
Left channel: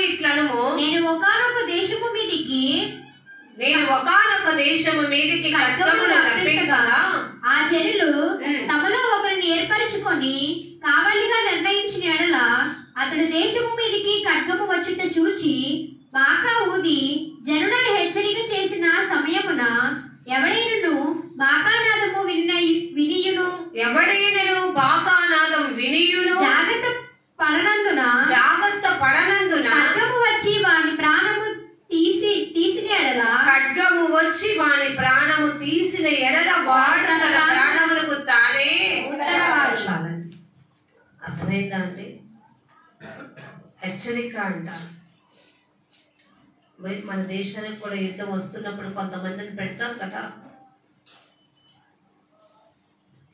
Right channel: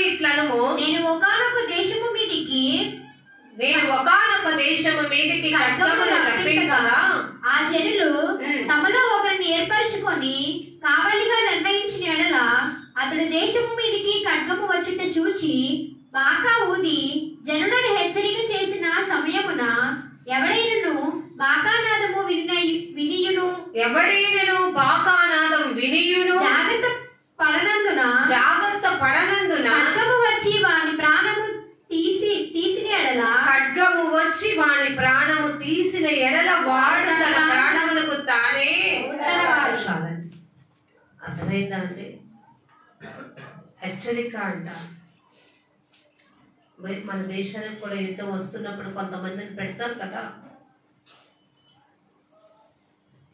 ఇట్లనుము, నేను ఒకానొక దేశము మీదికి ఖడ్గమును రప్పించగా ఆ జనులు తమలో ఒకరిని ఏర్పరచుకొని కావలిగా నిర్ణయించిన ఎడల అతడు దేశము మీదికి ఖడ్గము వచ్చుట చూచి బాకా ఊది జనులను హెచ్చరిక చేసిన సమయమున ఎవడైనను బాకానాదము వినియును జాగ్రత్త పడనందున ఖడ్గము వచ్చి వాని ప్రాణము తీసిన ఎడల వాడు తన ప్రాణములకు తానే ఉత్తరవాది. అర్థమైందా అండి? హెచ్చరిక అంట. మన దేశానికి కూడా యుద్ధం వస్తున్నప్పుడు కొంతమందిని పెడతారు కదా,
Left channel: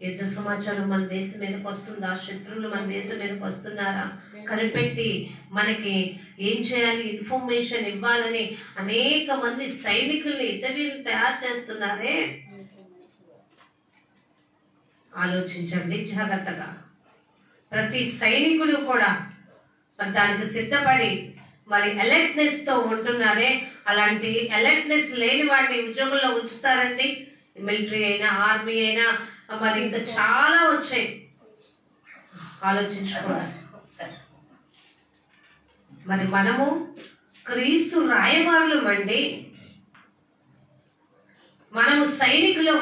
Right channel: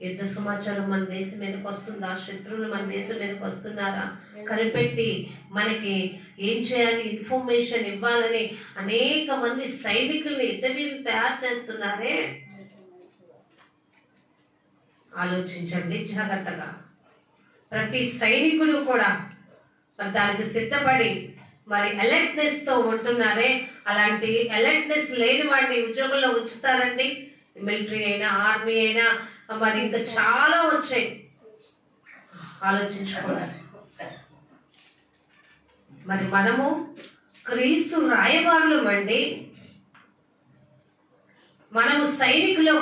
యుద్ధ సమాచారం మన దేశం మీదకి వస్తుందా, శత్రువులు మన దేశం మీదకి వస్తున్నారా కనిపెట్టి మనకి ఏం చేయాలి ఇన్ఫర్మేషన్ ఇవ్వాలని అనేక మంది సైనికుల్ని యుద్ధవీరులు తయారు చేస్తున్నారే. ఆలోచించండి జాగ్రత్తగా. ప్రతి సైనికుడు కూడా దానికి సిద్ధపడి మరి అలర్ట్నెస్ తో ఉంటున్నారే, అలాంటి అలర్ట్నెస్ లేని వాడిని ఉద్యోగంలో ఉంచుతారండి. మిలిటరీ అయినా, ఆర్మీ అయినా, మరి ఇంకా చాలా వచ్చాయి, ఆలోచించుకోండి. మరి మనము క్రీస్తు రాయబారులం అండి, మనము సైనికులం.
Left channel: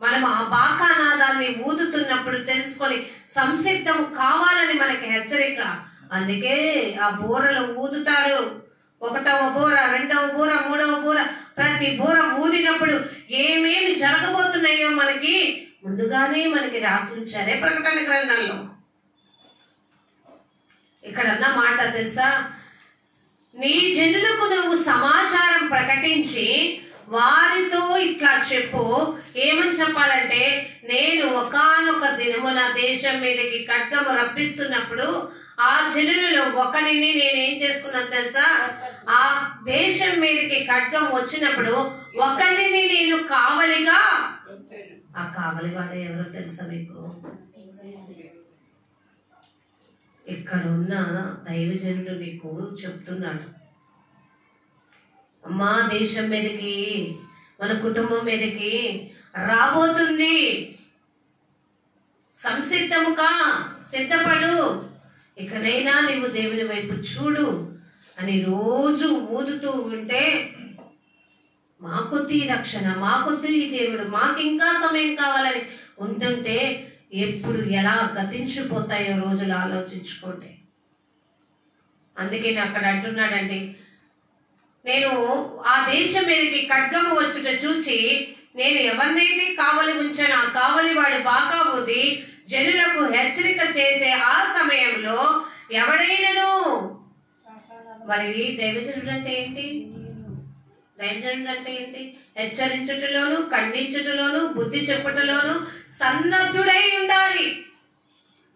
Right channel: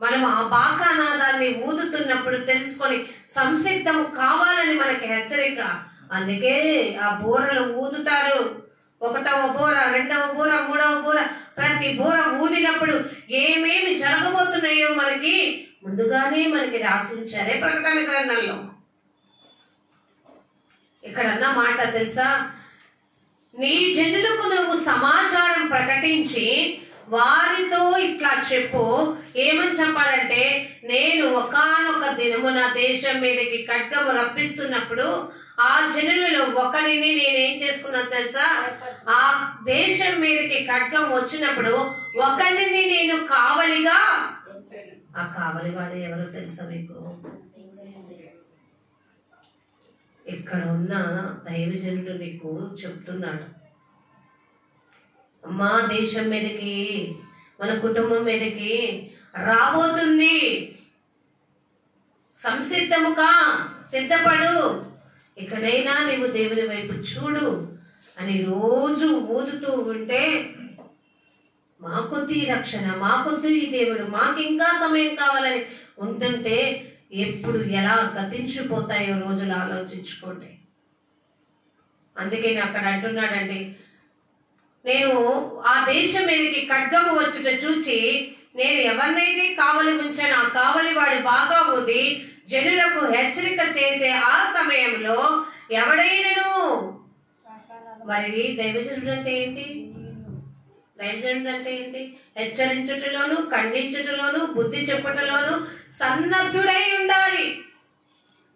మనము ఆ బాకానాదాన్ని ఊదుతున్నప్పుడు తెలుసుకొని సంసిద్ధము కావాలని మనకి హెచ్చరిక. అందుకే ఆ బూరలు ఊదుతారు. 1వ బూర, 2వ బూర, 3వ బూర, ప్రతి బూర ఊదినప్పుడు ఏమేమి జరగబోతున్నాయో మనకి ముందుగానే మనకి రాసి ఉంచారే ప్రకటన గ్రంథంలో. ఇక్కడ అన్న మాట తెలుసా, నీ జనులకు నువ్వు సమాచారం ప్రకటించి వారితో ఇట్లా చెప్పు. ఏమని చెప్పాలంటే, నేను ఒకానొక దినము నా దేశం మీదకి ఖడ్గము రప్పిస్తున్నప్పుడు ఆ జనులలో ఒకరిని నేనేం చేసుకున్నాను తెలుసా, ఆ దేశం మీదకి ఖడ్గం వచ్చినప్పుడు ఒకరిని నేను కావలిగా. ఆ కావలివాడు ఎవరో తెలుసా మీకు? ఇక్కడ ఉన్న దైవజనుడు నీకు చెప్తున్నాడు, అమ్మా దేశం మీదకి, మన కుటుంబం మీదకి రాబోతుంది, సంసిద్ధముగా సిద్ధపడు, ఇకనైనా నీవు దేవుని వైపు చూడు అని రోజు ఊదుతూ ఉంటే, మాకొద్దు ఈ రక్షణ, మాకొద్దు ఈ దేవుడు, మాకు ఇంకా సమయం కావాలని ఉంటుంటే ఎప్పుడు ఎలా గతించిపోతాయో రోజులు ఆలోచించుకోండి. అందుకే నేను అక్కడ అంటున్నాడండి, నేను ఆ దేశం మీదకి ఖడ్గము వచ్చుట చూచి నేను ఎవరినైతే కావలి ఉంచాను ఆ కావలి వాడు బాగా ఊది జనులకు హెచ్చరిక చేసే ఆ సమయంలో ఎవడైనను. మరి దైవజనుడు అంటే ఏంటి? దైవజనుడు అంటే ఏంటి? హెచ్చరించుటలోను, ఖండించుటలోను, బుద్ధి చెప్పుటలోను సన్నద్ధుడై ఉండాలి.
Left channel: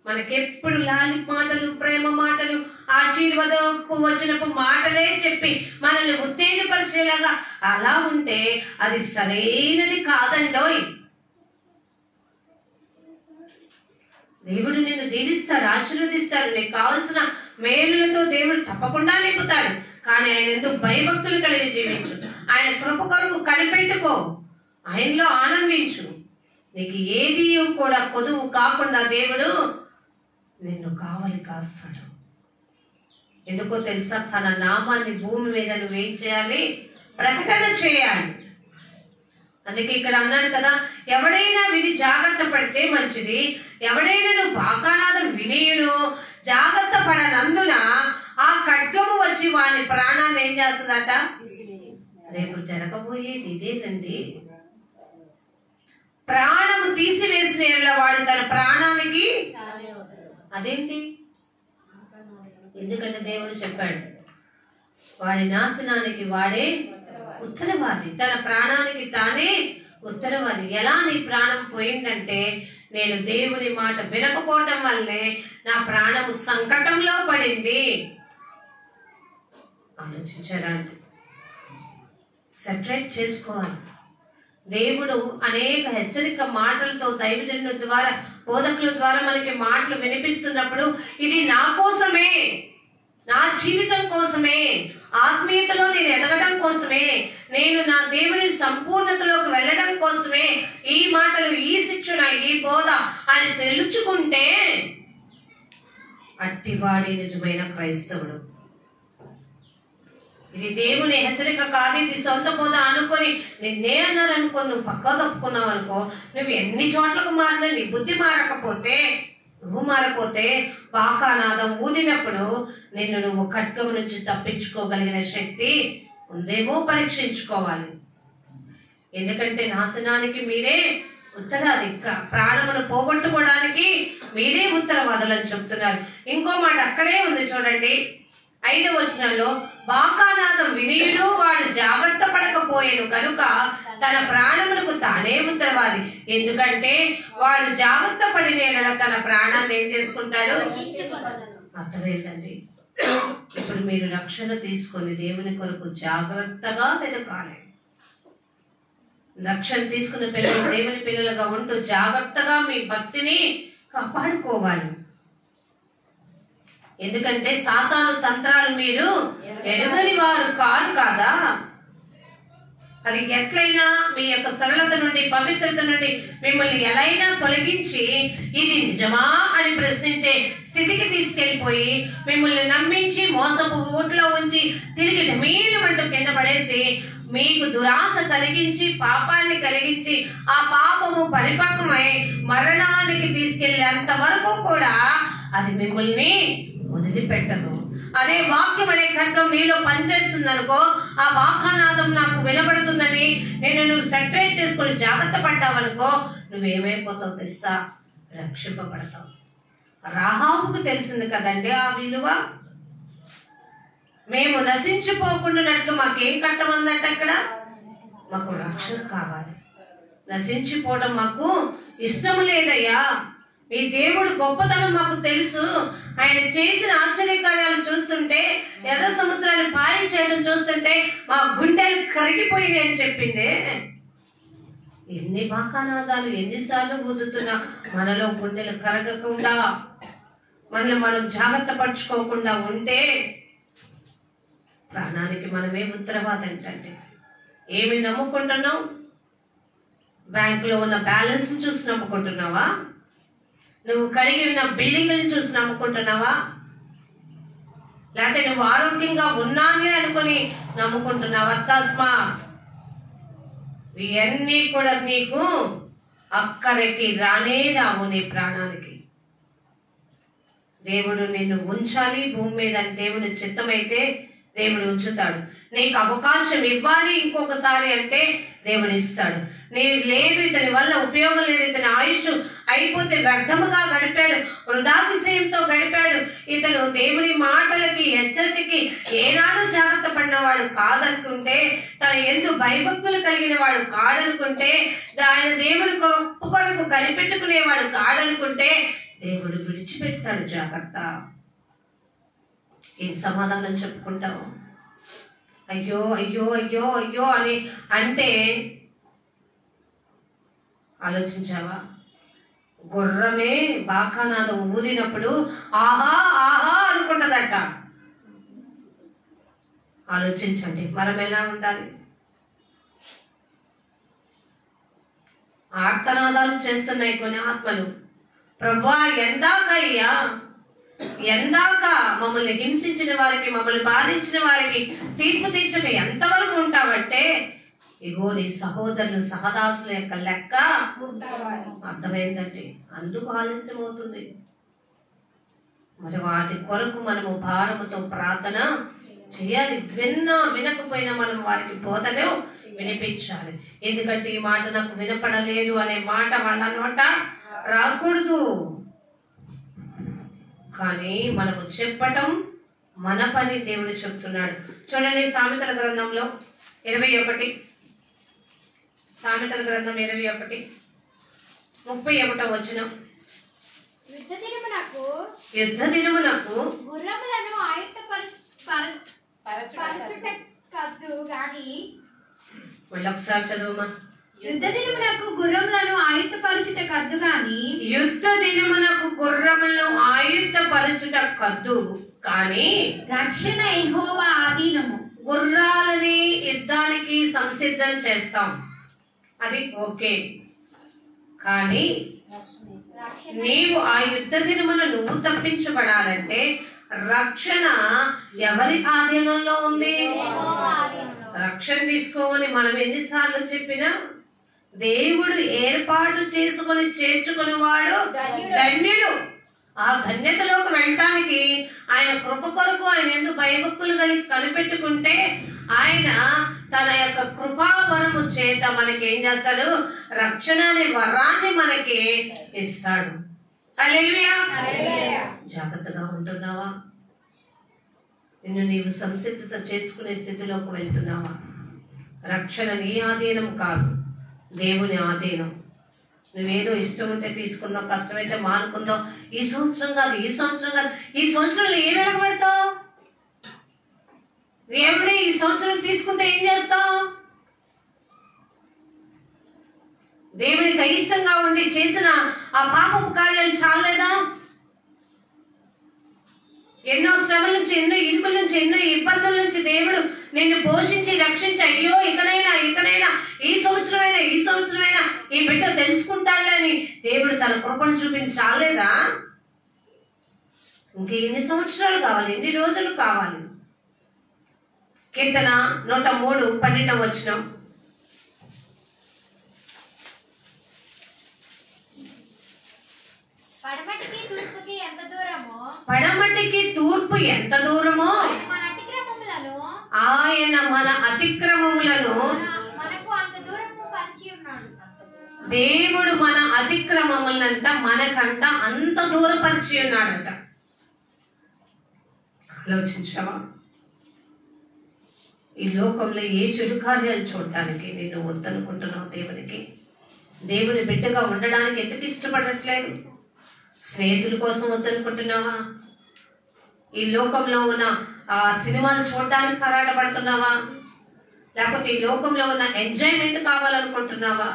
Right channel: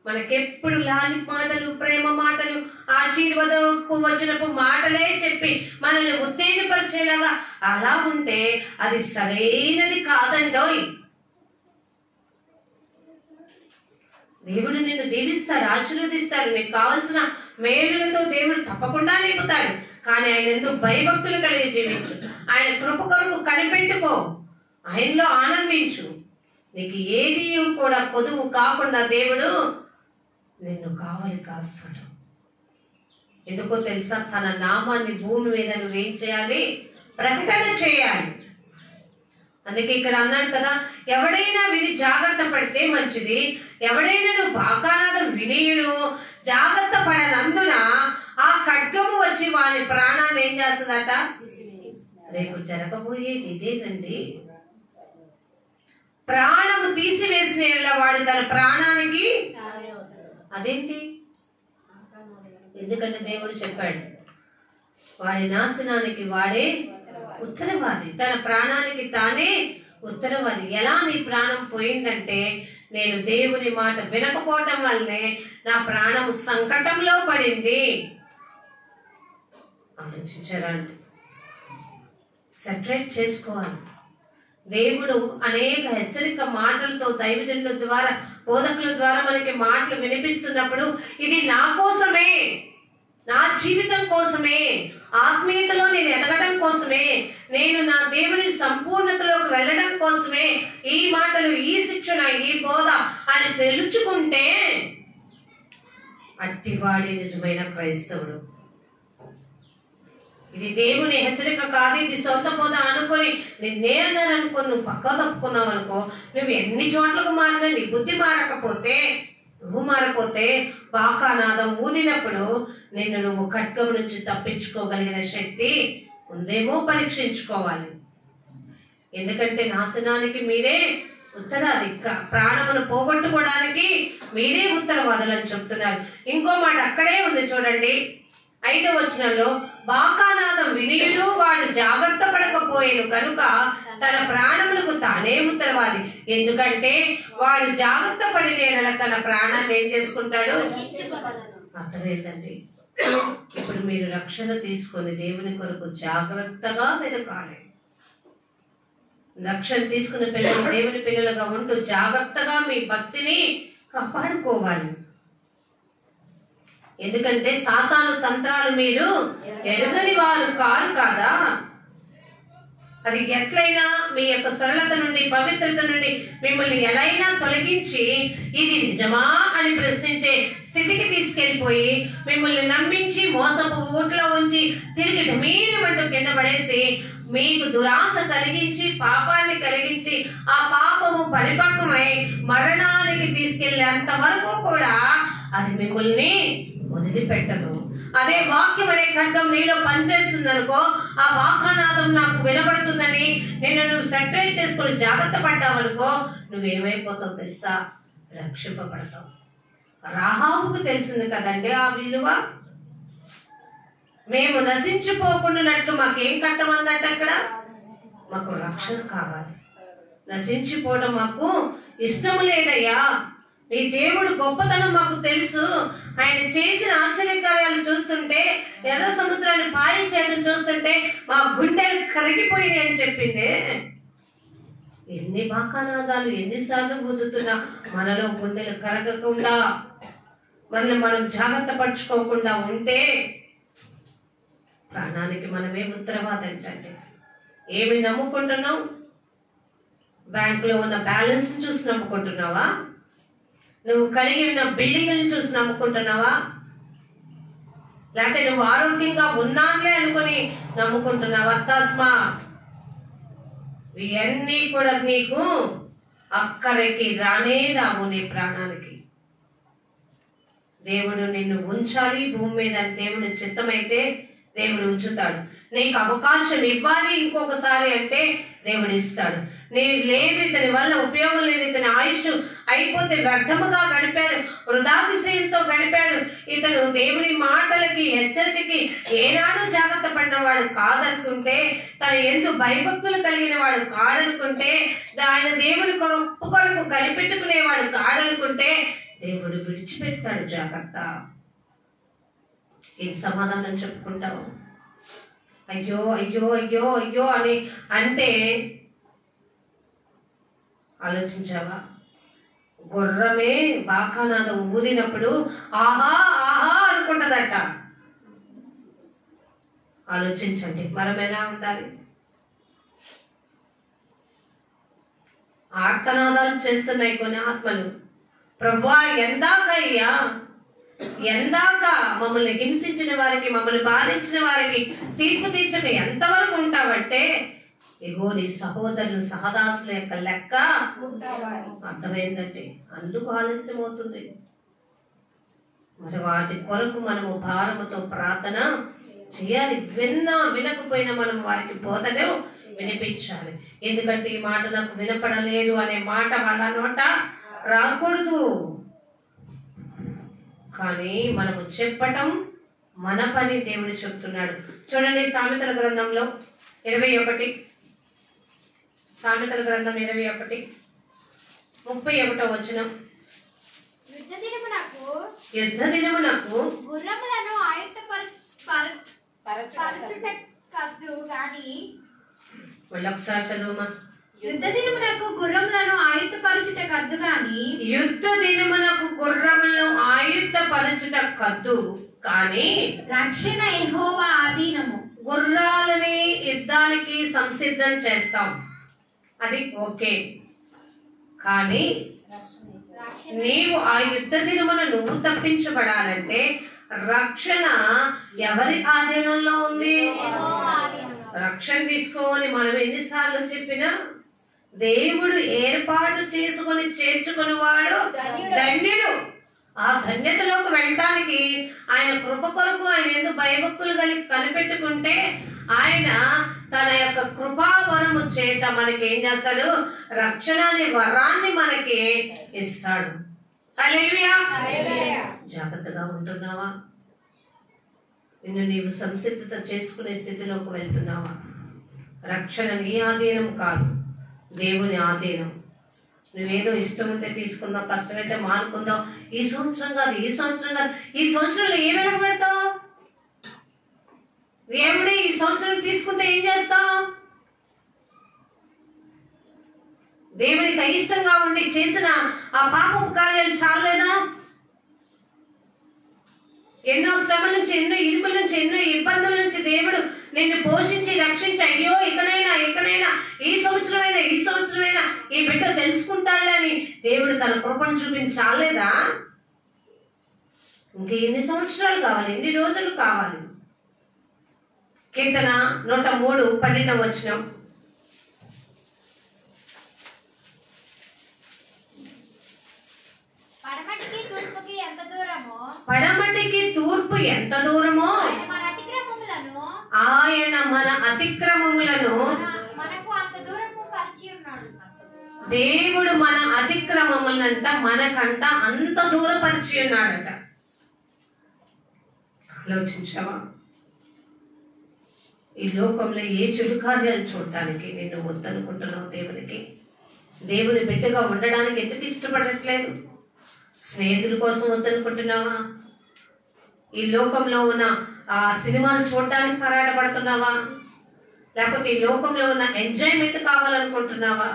మనకెప్పుడు లాలి మాటలు, ప్రేమ మాటలు, ఆశీర్వాదపు వచనపు మాటలే చెప్పి మనల్ని ఉత్తేజపరిచేలాగా అలా ఉంటే అది సరైనది కాదండోయ్. దేవుడు నిన్ను దీవిస్తాడు, ఆశీర్వదిస్తాడు, నీకు కావలసిన మేలులతో దేవుడు తప్పకుండా నింపుతాడు. కానీ ఆయన ఎందుకు భయభక్తులు కలిగి జీవించు, ఆయన కృప కొరకు కనిపెట్టుకో, ఆయనలో ఆనందించు. నీకు ఏది కూడా కొదువు కాకుండా దేవుడు నిన్ను కావలి కాస్తాడు. ఎందుకో తెలుసా, తన నామాన్ని భూమి మీద నువ్వేం చేయాలి? ప్రకటన చేయాలి. అందుకే ఇక్కడ అన్నాడు కదా, ఎవడైనా విని జాగ్రత్త పడితే మంచిది, ఎవడైనా నువ్వు బాకానాదం వినియుడు జాగ్రత్త పడనందున ఆ ఖడ్గము వచ్చి వాని ప్రాణాన్ని ఏం చేస్తుందట? రేపు జరగబోయేది ఇదేనండి. ప్రాణము తీసివేసిన వాడు తన ప్రాణానికి అదేంటి? ఎందుకంటే దేవుడు చెప్పాడు, వాడి నాశనానికి వాడే ఉత్తరవాది, తన ప్రాణానికి తానే ఉత్తరవాది. ఎలా నీ ప్రాణం పోయిందంటే, నేను దేవుని మాట వినకపోవటం వల్లే నా ప్రాణం సంకటంలో పడింది. ఆలోచించారా? సెపరేట్ చేసుకోవాలి. దేవుడు అనేక హెచ్చరిక మాటలతో దైవజనుల ద్వారా, బోధకుల ద్వారా మనకి మాటలు వినిపిస్తున్నప్పుడు ఇది నా కోసమే, నా జీవితం కోసమే, ఆత్మీయతలో నేను ఎదగడం కోసమే, నేను నా దేవుని సంపూర్ణతలోకి వెళ్ళడం కోసమే ఈ మాటలు, ఈ శిక్షణ, ఈ బోధ అని తెలుసుకుంటే అట్టివాడి నిజమైన క్రైస్తవుడు. ఇది దేవుని హెచ్చరిక కాదు, ఇది సొంత బోధ అనుకొని నిన్నే అన్నారనుకో, నువ్వు పక్కా తప్పుకున్నావు అనుకో, నువ్వు ఎన్ని చోట్లకు మారినా నీ బుద్ధి మారకపోతే, నువ్వు మారపోతే బాకానాదం ఊదినప్పుడు నిన్ను నువ్వు ఖడ్గం నుంచి తప్పించుకోగలిగిన శక్తి ఉందేమో పరీక్షించుకోవాలి. ఎందుకంటే నాశనానికి మీరే ఉత్తరాది, ప్రాణమును పోగొట్టుకోవడానికి మీరే ఉత్తరవాదులని చెప్తున్నారు. ఇంకో మాట అక్కడే ఉంది చూడండి, 5వ వచనంలో, బాకానాదం వినియుడు వాడు జాగ్రత్త పడకపోయేను కనుక తన ప్రాణమునకు తానే ఉత్తరవాది. ఎందుకంటే వాడు జాగ్రత్త పడిన తన ప్రాణాన్ని ఏం చేసుకుంటాడు? అర్థమైందండి. ఇప్పుడు మీరు రక్షణ తీసుకొని దేవుని కొరకు జాగ్రత్తగా వెతకాలి. రక్షణ తీసుకున్న పిల్లలు దేవుని పిల్లలుగా ఉంటూ జాగ్రత్తగా మీ భక్తిని కాపాడుకోవాలి. ఎందుకంటే సాతాను తంత్రాలు మీరు ఎరుగని వారు కారు కాదా. అది ఎట్లయినా మీ యొక్క సరళత నుండి, పవిత్రత నుండి మిమ్మల్ని ఎలైనా తొలగించి ఇది నిజమా అని ప్రశ్నించే స్థితికి తీసుకెళ్లిపోయి మిమ్మల్ని నమ్మించి మోసపు ఊట్లో ఉంచి తిరిగి మీరుమంటూ కింద పడేసి మీకు దురాశ కలిగించి పాపాన్ని కలిగించి ఆ పాపము పరిపక్వమై మరణానికి తీసుకెళ్లేంత వరకు కూడా అది మిమ్మల్ని వదిలిపెట్టదు. అదే వాక్యం అనే ఖడ్గం నీలో పనిచేస్తుంది అనుకో, ఆ వాక్యనాదం నాకు వినబడుతుందని నువ్వు సెటరేట్ చేసుకుని జాగ్రత్త పడ్డావనుకో, నువ్వేమైపోతావు తెలుసా? రక్షింపబడతావు. రాహాబుకు తెలిసింది కదండి ఆ విలువ. మేము నశించిపోకుండానట్లు మాకేం కట్టమందంటే అక్కడ మాకు రక్షణ కావాలి. నశించిపోవడం మాకు ఇష్టం లేదయ్యా. ఈ దేవుడు గొప్పతనం మాకు తెలుసు. ఆయన చేసిన ఆశ్చర్యకార్యాలు చూస్తుంటే, ఎర్ర సముద్రాన్ని పాయం చేయడం చూస్తుంటే మా గుండెలు కరిగిపోయినాయి అని చెప్పింది. ఎన్ని బాకానాదాలు ఎన్నిసార్లు ఊదుతున్నా మనలో గుండెలు కరగకుండా మనల్ని మనం జాగ్రత్త పరుచుకోకుండా ఉంటే ప్రాణానికి మనమే ఉత్తరవాదం ఏంటంటే. ఏమి నమ్ముకుంటున్నావు? బ్యాంకులో ఉన్న బ్యాలెన్స్ చూసి నమ్ముకుంటున్నావా? నువ్వు కలిగి ఉన్న బిల్డింగ్ని చూసి నమ్ముకుంటున్నావా? లేకపోతే నువ్వు ఆరోగ్యంగా ఉన్నానులే అనుకుని నమ్ముకుంటున్నావా? తస్మాత్ ఇవన్నీ కూడా నీకు అక్కడికి రానే రావు. నీ ప్రాణానికి దేవుడు నిన్ను ఉంచాలి భూమి మీద. దేవుని చిత్తమైతే దేవుడు ఉంచుతాడు. నీకు అవకాశం ఇవ్వాలి ఇంకొకసారి అంటే దేవుడు ఇస్తాడు. నేను లేదు, ఇతని వల్ల ఉపయోగం లేదు, ఇతని ఆయుష్ అయిపోతే వ్యర్థముగా గడిపాడు, వృధాతిశయంతో గడిపాడు, ఇతను దేవుని మాటలకి హెచ్చరికకి ఏనాడు జాగ్రత్త పడినవాడు కాదనుకుంటే, తన ఎందు భయభక్తులు కలిగిన వాడు కాదనుకుంటే, ఆయన దేవుని కొరకు కనిపెట్టుకునేవాడు కాదనుకుంటే దేవుడు విడిచిపెడతాడు. జాగ్రత్త. ఏం సమాధానం చెప్పుకుంటావు? అయ్యో అయ్యో అయ్యో అయ్యో అని అంటే ఆలోచించావా? గుర్రమే బాకానాదం ఊదినప్పుడు ఆహా ఆహా అనుకుంటదట. ఆలోచించండి, మనం ఎలా ఉండాలి? ఆర్తనాదాలు చేస్తున్నాయి కొన్ని ఆత్మలు. ప్రభువా ఎందాకయ్యా, ఎందాక మమ్మల్ని హింసించిన వారికి, మమ్మల్ని బాధించిన వారికి తీర్పు తీర్చక ఎంతవరకు ఉంటావంటే, ఇగో నీ సహోదరులు సహదాసుల యొక్క లెక్క అర్థమైందండి. అందుకు ఆలస్యం అవుతుంది. మరి వాటి కొరకు మనము భారముతో ప్రార్థన చేయాలి. విన్నా వినకపోయినా మనం వారికి బోధను వినిపించాలి. ఎందుకంటే ఈ మాట నాకు వినపడలేదు అనే మాట వాళ్ళ నోట రాకూడదు. కానీ మనము చెప్పటం మన పని దేవుడు చెప్తున్నాడు. చూడండి సామెతల గ్రంథంలో 21, సామెతల గ్రంథం 21:31 వచనం. యుద్ధ దినమునకు గుర్రములను ఆయుత్తపరచుటకద్దు గాని. ఒకసారి చదువుమా. యుద్ధ దినమునకు గుర్రములను ఆయుత్తపరచుట కద్దు గాని. యుద్ధ దినమునకు గుర్రములను ఆయుత్తపరచుట కద్దు కానీ రక్షణ యెహోవా ఆధీనము. గుర్రాలని యుద్ధానికి సంసిద్ధం చేస్తాం, అది ఓకే. కానీ నీవు ఆ యుద్ధ దినమున నువ్వు తప్పించబడాలంటే రక్షణ ఎవరి ఆధీనంలో ఉంది? రక్షణ తీసుకోమని మనం ఎన్నిసార్లు చెప్పినా, దేవుడు ఏర్పాటు చేసుకుని చేర్చుకుని వాడు ధన్యుడు. ఆ ధన్యతలోకి వెళ్ళటానికి ఆయన కృప కొరకు ఆయన ఎందుకు భయభక్తులు కలిగి కనిపెట్టుకుంటే ఆయన తన యొక్క కృపావరము చేత మనకి ఏం చేస్తాడు? రక్షణ అనే వరాన్ని మనకి ఇస్తాడు. హల్లెలూయా. జాగ్రత్తగా ఉంటున్నావా? నిన్ను నీవు సంసిద్ధత చేసుకునే స్థితిలోకి వెళ్తున్నావా? రక్షణ నీ ఆధీనం కాదు, దేవుని ఆధీనం. నువ్వేదో ఇష్టం ఉంటే తీసుకుందాం, కష్టమైతే మానుకుందాం, ఈ సంవత్సరం కాదు, ఈ సంవత్సరం కాదు, ఈ సంవత్సరంలో ఏం వెనకబెడతావు? దేవుడే ఈ సంవత్సరం తీసుకుంటే ఏం చేస్తావు? దేవునికి అయిష్టంగా ఉండి చేసిన ఆ పాపపు కార్యాలు చాలేదా? ఎన్నో శ్రమల నుంచి, ఎన్నో ఇరుకుల నుంచి, ఎన్నో ఇబ్బందుల నుంచి దేవుడు నిన్ను పోషించి రక్షించి, అయ్యో ఇకనైనా ఈ సంవత్సరమైనా ఈ బిడ్డ తెలుసుకుంటాడని దేవుడు తన కృపను చూపించి చాలేదా? ఇంకా ఎన్ని సంవత్సరాలు కావాలి, ఎన్ని రోజులు కావాలి? కీర్తన 103 12వ వచనం. పడమటికి తూర్పుకి ఎంత దూరమో, పడమటికి తూర్పు ఎంత దూరమో ఆయన మన అతిక్రమములను మనకు అంత దూరము పరిచి ఉన్నాడు. దేవుడు మన అతిక్రమములంట మనకంట అంత దూరపరిచి ఉన్నాడట. ఆలోచించావా? ఈ లోకంలో ఏ చెడు కార్యాలు చూడటానికి నిన్ను వద్దనుకుంటున్నావు? దేవుని బిడ్డగా ఉండడానికి ఎందుకు ఇష్టపడట్లేదు? స్నేహితుల కోసం వద్దనుకుంటున్నావా? ఈ లోకంలో ఉన్న ఆ సినిమాలు చూడటానికి పోరాటపడుతున్నావా? లేకపోతే ఈ లోకంలో ఉన్న ఎంజాయ్మెంట్ కావాలనుకుంటున్నావా?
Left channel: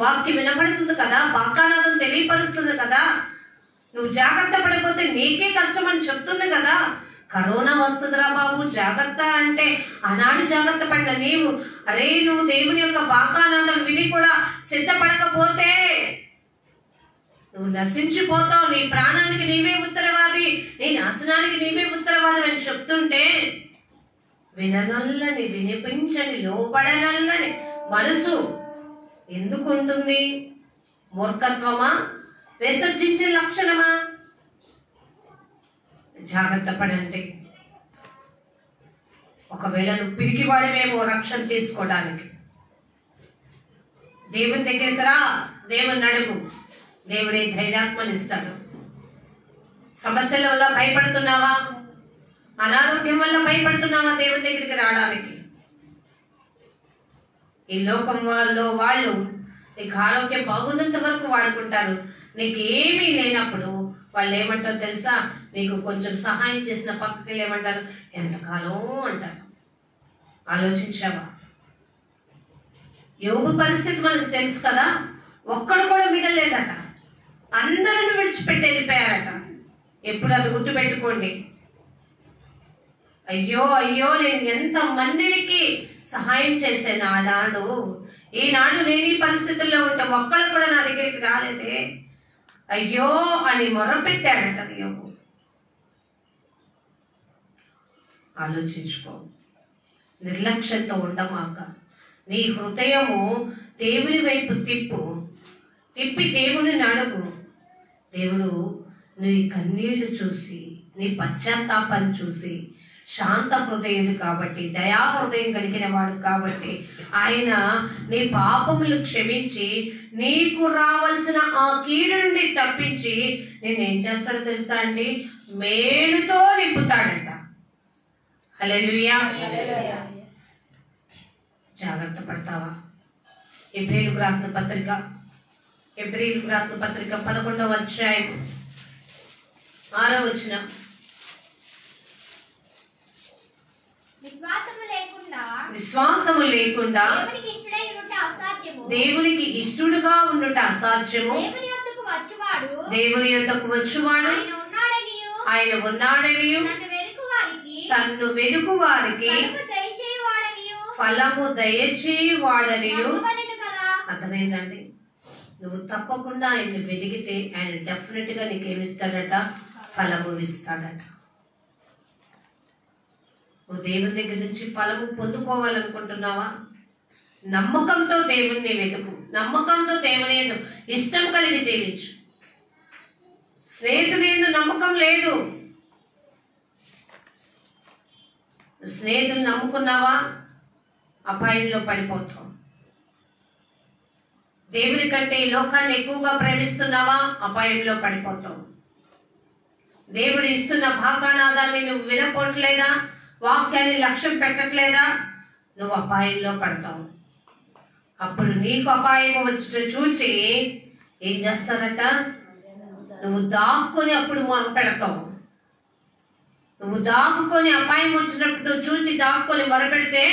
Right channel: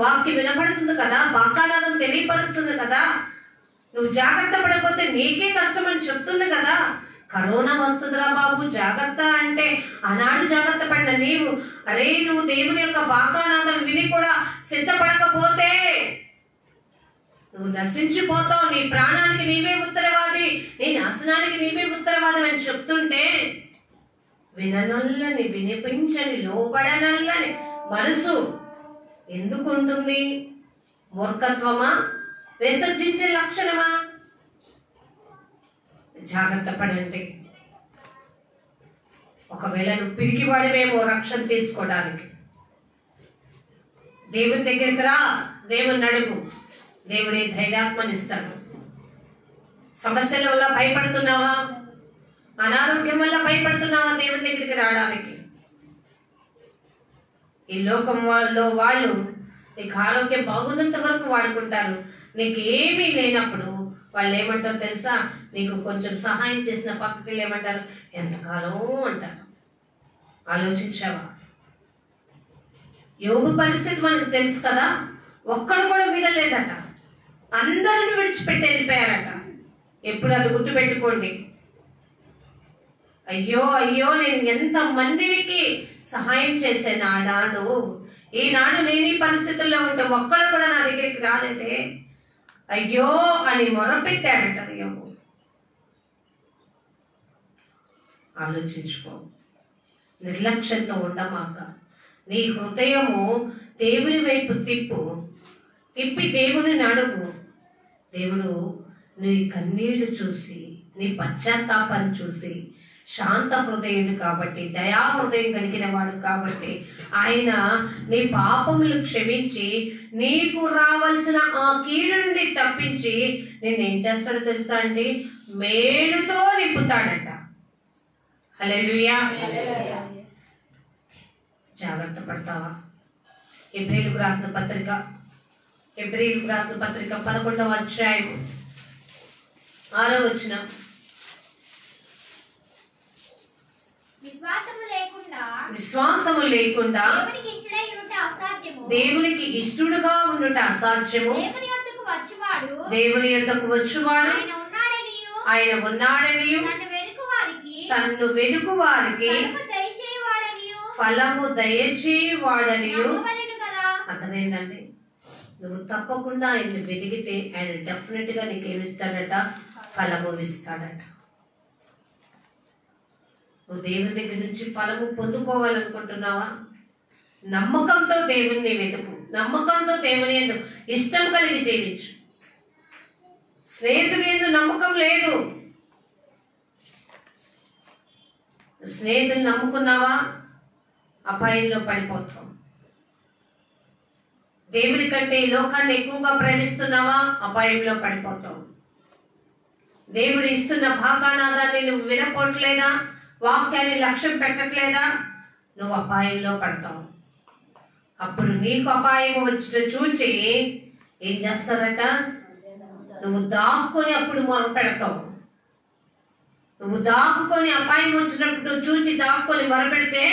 వాక్యం వినపడుతుంది కదా, వాక్యానాదం తెలియపరుస్తుంది కదా, నువ్వు జాగ్రత్త పడిపోతే నీకే కష్టం అని చెప్తుంది కదా. కరోనా వస్తుందిరా బాబు జాగ్రత్త అంటే ఆనాడు జాగ్రత్త పడిన నీవు, అరే నువ్వు దేవుని యొక్క వాక్యానాదం విని కూడా సిద్ధపడకపోతే నువ్వు నశించిపోతావు. నీ ప్రాణానికి నీవే ఉత్తరవాది, నీ నాశనానికి నీవే ఉత్తరవాది అని చెప్తుంటే విననల్లని, వినిపించని, లోపడనల్లని మనసు ఎందుకు ఉంటుంది? మూర్ఖత్వమా? విసర్జించే లక్షణమా? జాగ్రత్త పడండి. ఒకవేళ నువ్వు పిరికివాడివేమో రక్షణ తీసుకోవడానికి, దేవుని దగ్గరికి రా, దేవుని అడుగు, దేవుడే ధైర్యాత్మనిస్తాడు. సమస్యల వల్ల భయపడుతున్నావా? అనారోగ్యం వల్ల భయపడుతున్నావా దేవుని దగ్గరికి రావడానికి? ఈ లోకం వాళ్ళు నీకు ఆరోగ్యం బాగున్నంత వరకు వాడుకుంటారు. నీకు ఏమీ లేనప్పుడు వాళ్ళు ఏమంటారు తెలుసా? నీకు కొంచెం సహాయం చేసిన పక్కకి ఏమంటారు? ఎంతకాలం అంటారు. ఆలోచించావా? యోబు పరిస్థితి మనకు తెలుసు కదా. ఒక్కడు కూడా మిగలేదట, అందరిని విడిచిపెట్టి వెళ్ళిపోయారట. ఎప్పుడు అది గుర్తుపెట్టుకోండి. అయ్యో నేను ఎంత మందికి సహాయం చేశాను ఆనాడు, ఈనాడు నేను ఈ పరిస్థితుల్లో ఉంటే ఒక్కడు కూడా నా దగ్గరికి రాలేదే, అయ్యో అని మొరపెట్టాడట యోబు. ఆలోచించుకో, నిర్లక్ష్యంతో ఉండమాక. నీ హృదయము దేవుని వైపు తిప్పి దేవుని అడుగు. దేవుడు నీ కన్నీళ్లు చూసి, నీ పశ్చాత్తాపాన్ని చూసి శాంత హృదయుడు కాబట్టి, దయా హృదయం కలిగిన వాడు కాబట్టి ఆయన నీ పాపములు క్షమించి నీకు రావాల్సిన ఆ కీడు నుండి తప్పించి నిన్నేం చేస్తాడో తెలుసా అండి? మేలుతో నింపుతాడట. హల్లెలూయా. జాగ్రత్త పడతావా? ఎబ్రీయులకు రాసిన పత్రిక 11వ అధ్యాయం 6వ వచనం. విశ్వాసము లేకుండా దేవునికి ఇష్టడుగా ఉండుట అసాధ్యము. దేవుని యొద్దకు వచ్చువాడు ఆయన ఉన్నాడనియు తన్ను వెదుకు వారికి ఫలము దయచేయువాడనియు. అర్థమైందండి? నువ్వు తప్పకుండా ఆయన్ని వెతికితే ఆయన డెఫినెట్ గా నీకేమిస్తాడట? ఫలము ఇస్తాడట. నువ్వు దేవుని దగ్గర నుంచి ఫలము పొందుకోవాలనుకుంటున్నావా? నమ్మకంతో దేవుణ్ణి వెతుకు, నమ్మకంతో దేవుని యందు ఇష్టం కలిగి జీవించు. స్నేహితులు యందు నమ్మకం లేదు. స్నేహితులు నమ్ముకున్నావా? అపాయంలో పడిపోతావు. దేవుని కంటే ఈ లోకాన్ని ఎక్కువగా ప్రేమిస్తున్నావా? అపాయంలో పడిపోతావు. దేవుడు ఇస్తున్న భాగానాదాన్ని నువ్వు వినపోవట్లేదా? వాక్యాన్ని లక్ష్యం పెట్టట్లేదా? నువ్వు అపాయంలో పడతావు. అప్పుడు నీకు అపాయం వచ్చి చూచి ఏం చేస్తారట? నువ్వు దాక్కుని అప్పుడు మొర పెడతావు. నువ్వు దాక్కుని అపాయం వచ్చినప్పుడు చూచి దాక్కుని మొరపెడితే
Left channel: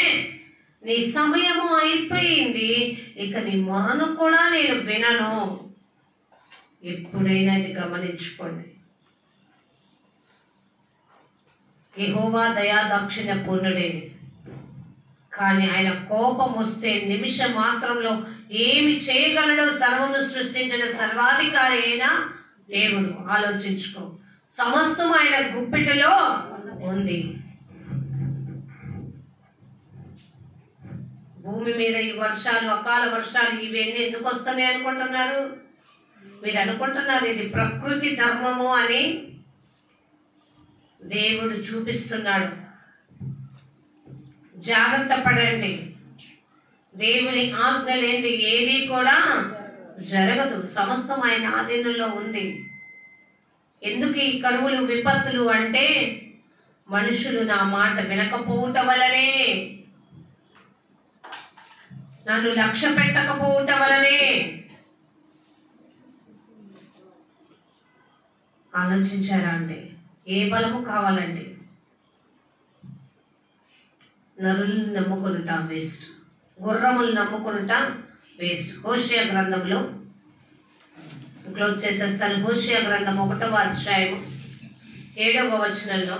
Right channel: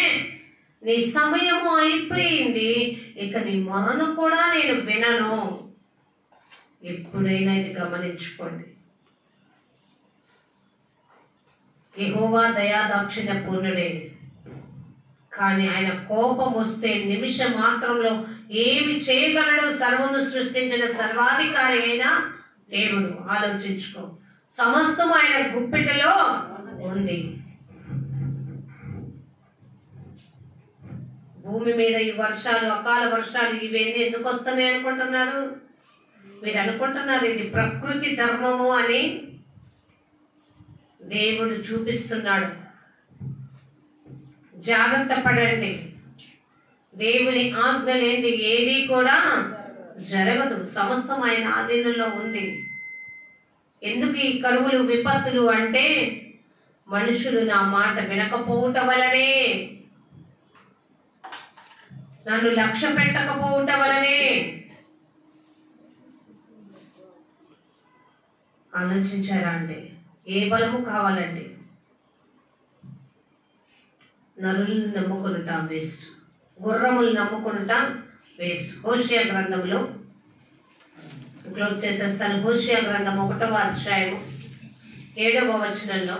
నీ సమయము అయిపోయింది, ఇక నీ మొరను కూడా నేను వినను. ఎప్పుడైనా ఇది గమనించుకోండి. యెహోవా దయా దాక్షిణ్య పూర్ణుడే, కానీ ఆయన కోపం వస్తే నిమిషం మాత్రంలో ఏమి చేయగలడు? సర్వము సృష్టించిన సర్వాధికారి అయిన దేవుడు. ఆలోచించుకో, సమస్తం ఆయన గుప్పిటిలో ఉంది. భూమి మీద ఈ వర్షాలు, అకాల వర్షాలు ఇవన్నీ ఎందుకు వస్తున్నాయి అనుకుంటున్నారు? మీరు అనుకుంటున్నారు ఇది ప్రకృతి ధర్మము అని. దేవుడు చూపిస్తున్నాడు. జాగ్రత్త పడండి. దేవుని ఆజ్ఞ లేని ఏది కూడా జరగదు. సమస్తం ఆయన ఆధీనంలో ఉంది. ఎందుకు ఈ కరువులు, విపత్తులు అంటే మనుషులు నా మాట వినకపోవుట వలనే, నన్ను లక్ష్య పెట్టకపోవుట వలనే. ఆలోచించారా అండి? ఏ బలము కావాలండి? నరులను నమ్ముకుంటా వేస్ట్, గుర్రములు నమ్ముకుంటా వేస్ట్. హోషేయ గ్రంథంలో క్లోజ్ చేసేస్తాను. హోషేయ గ్రంథం 1వ అధ్యాయం 7వ వచనంలో,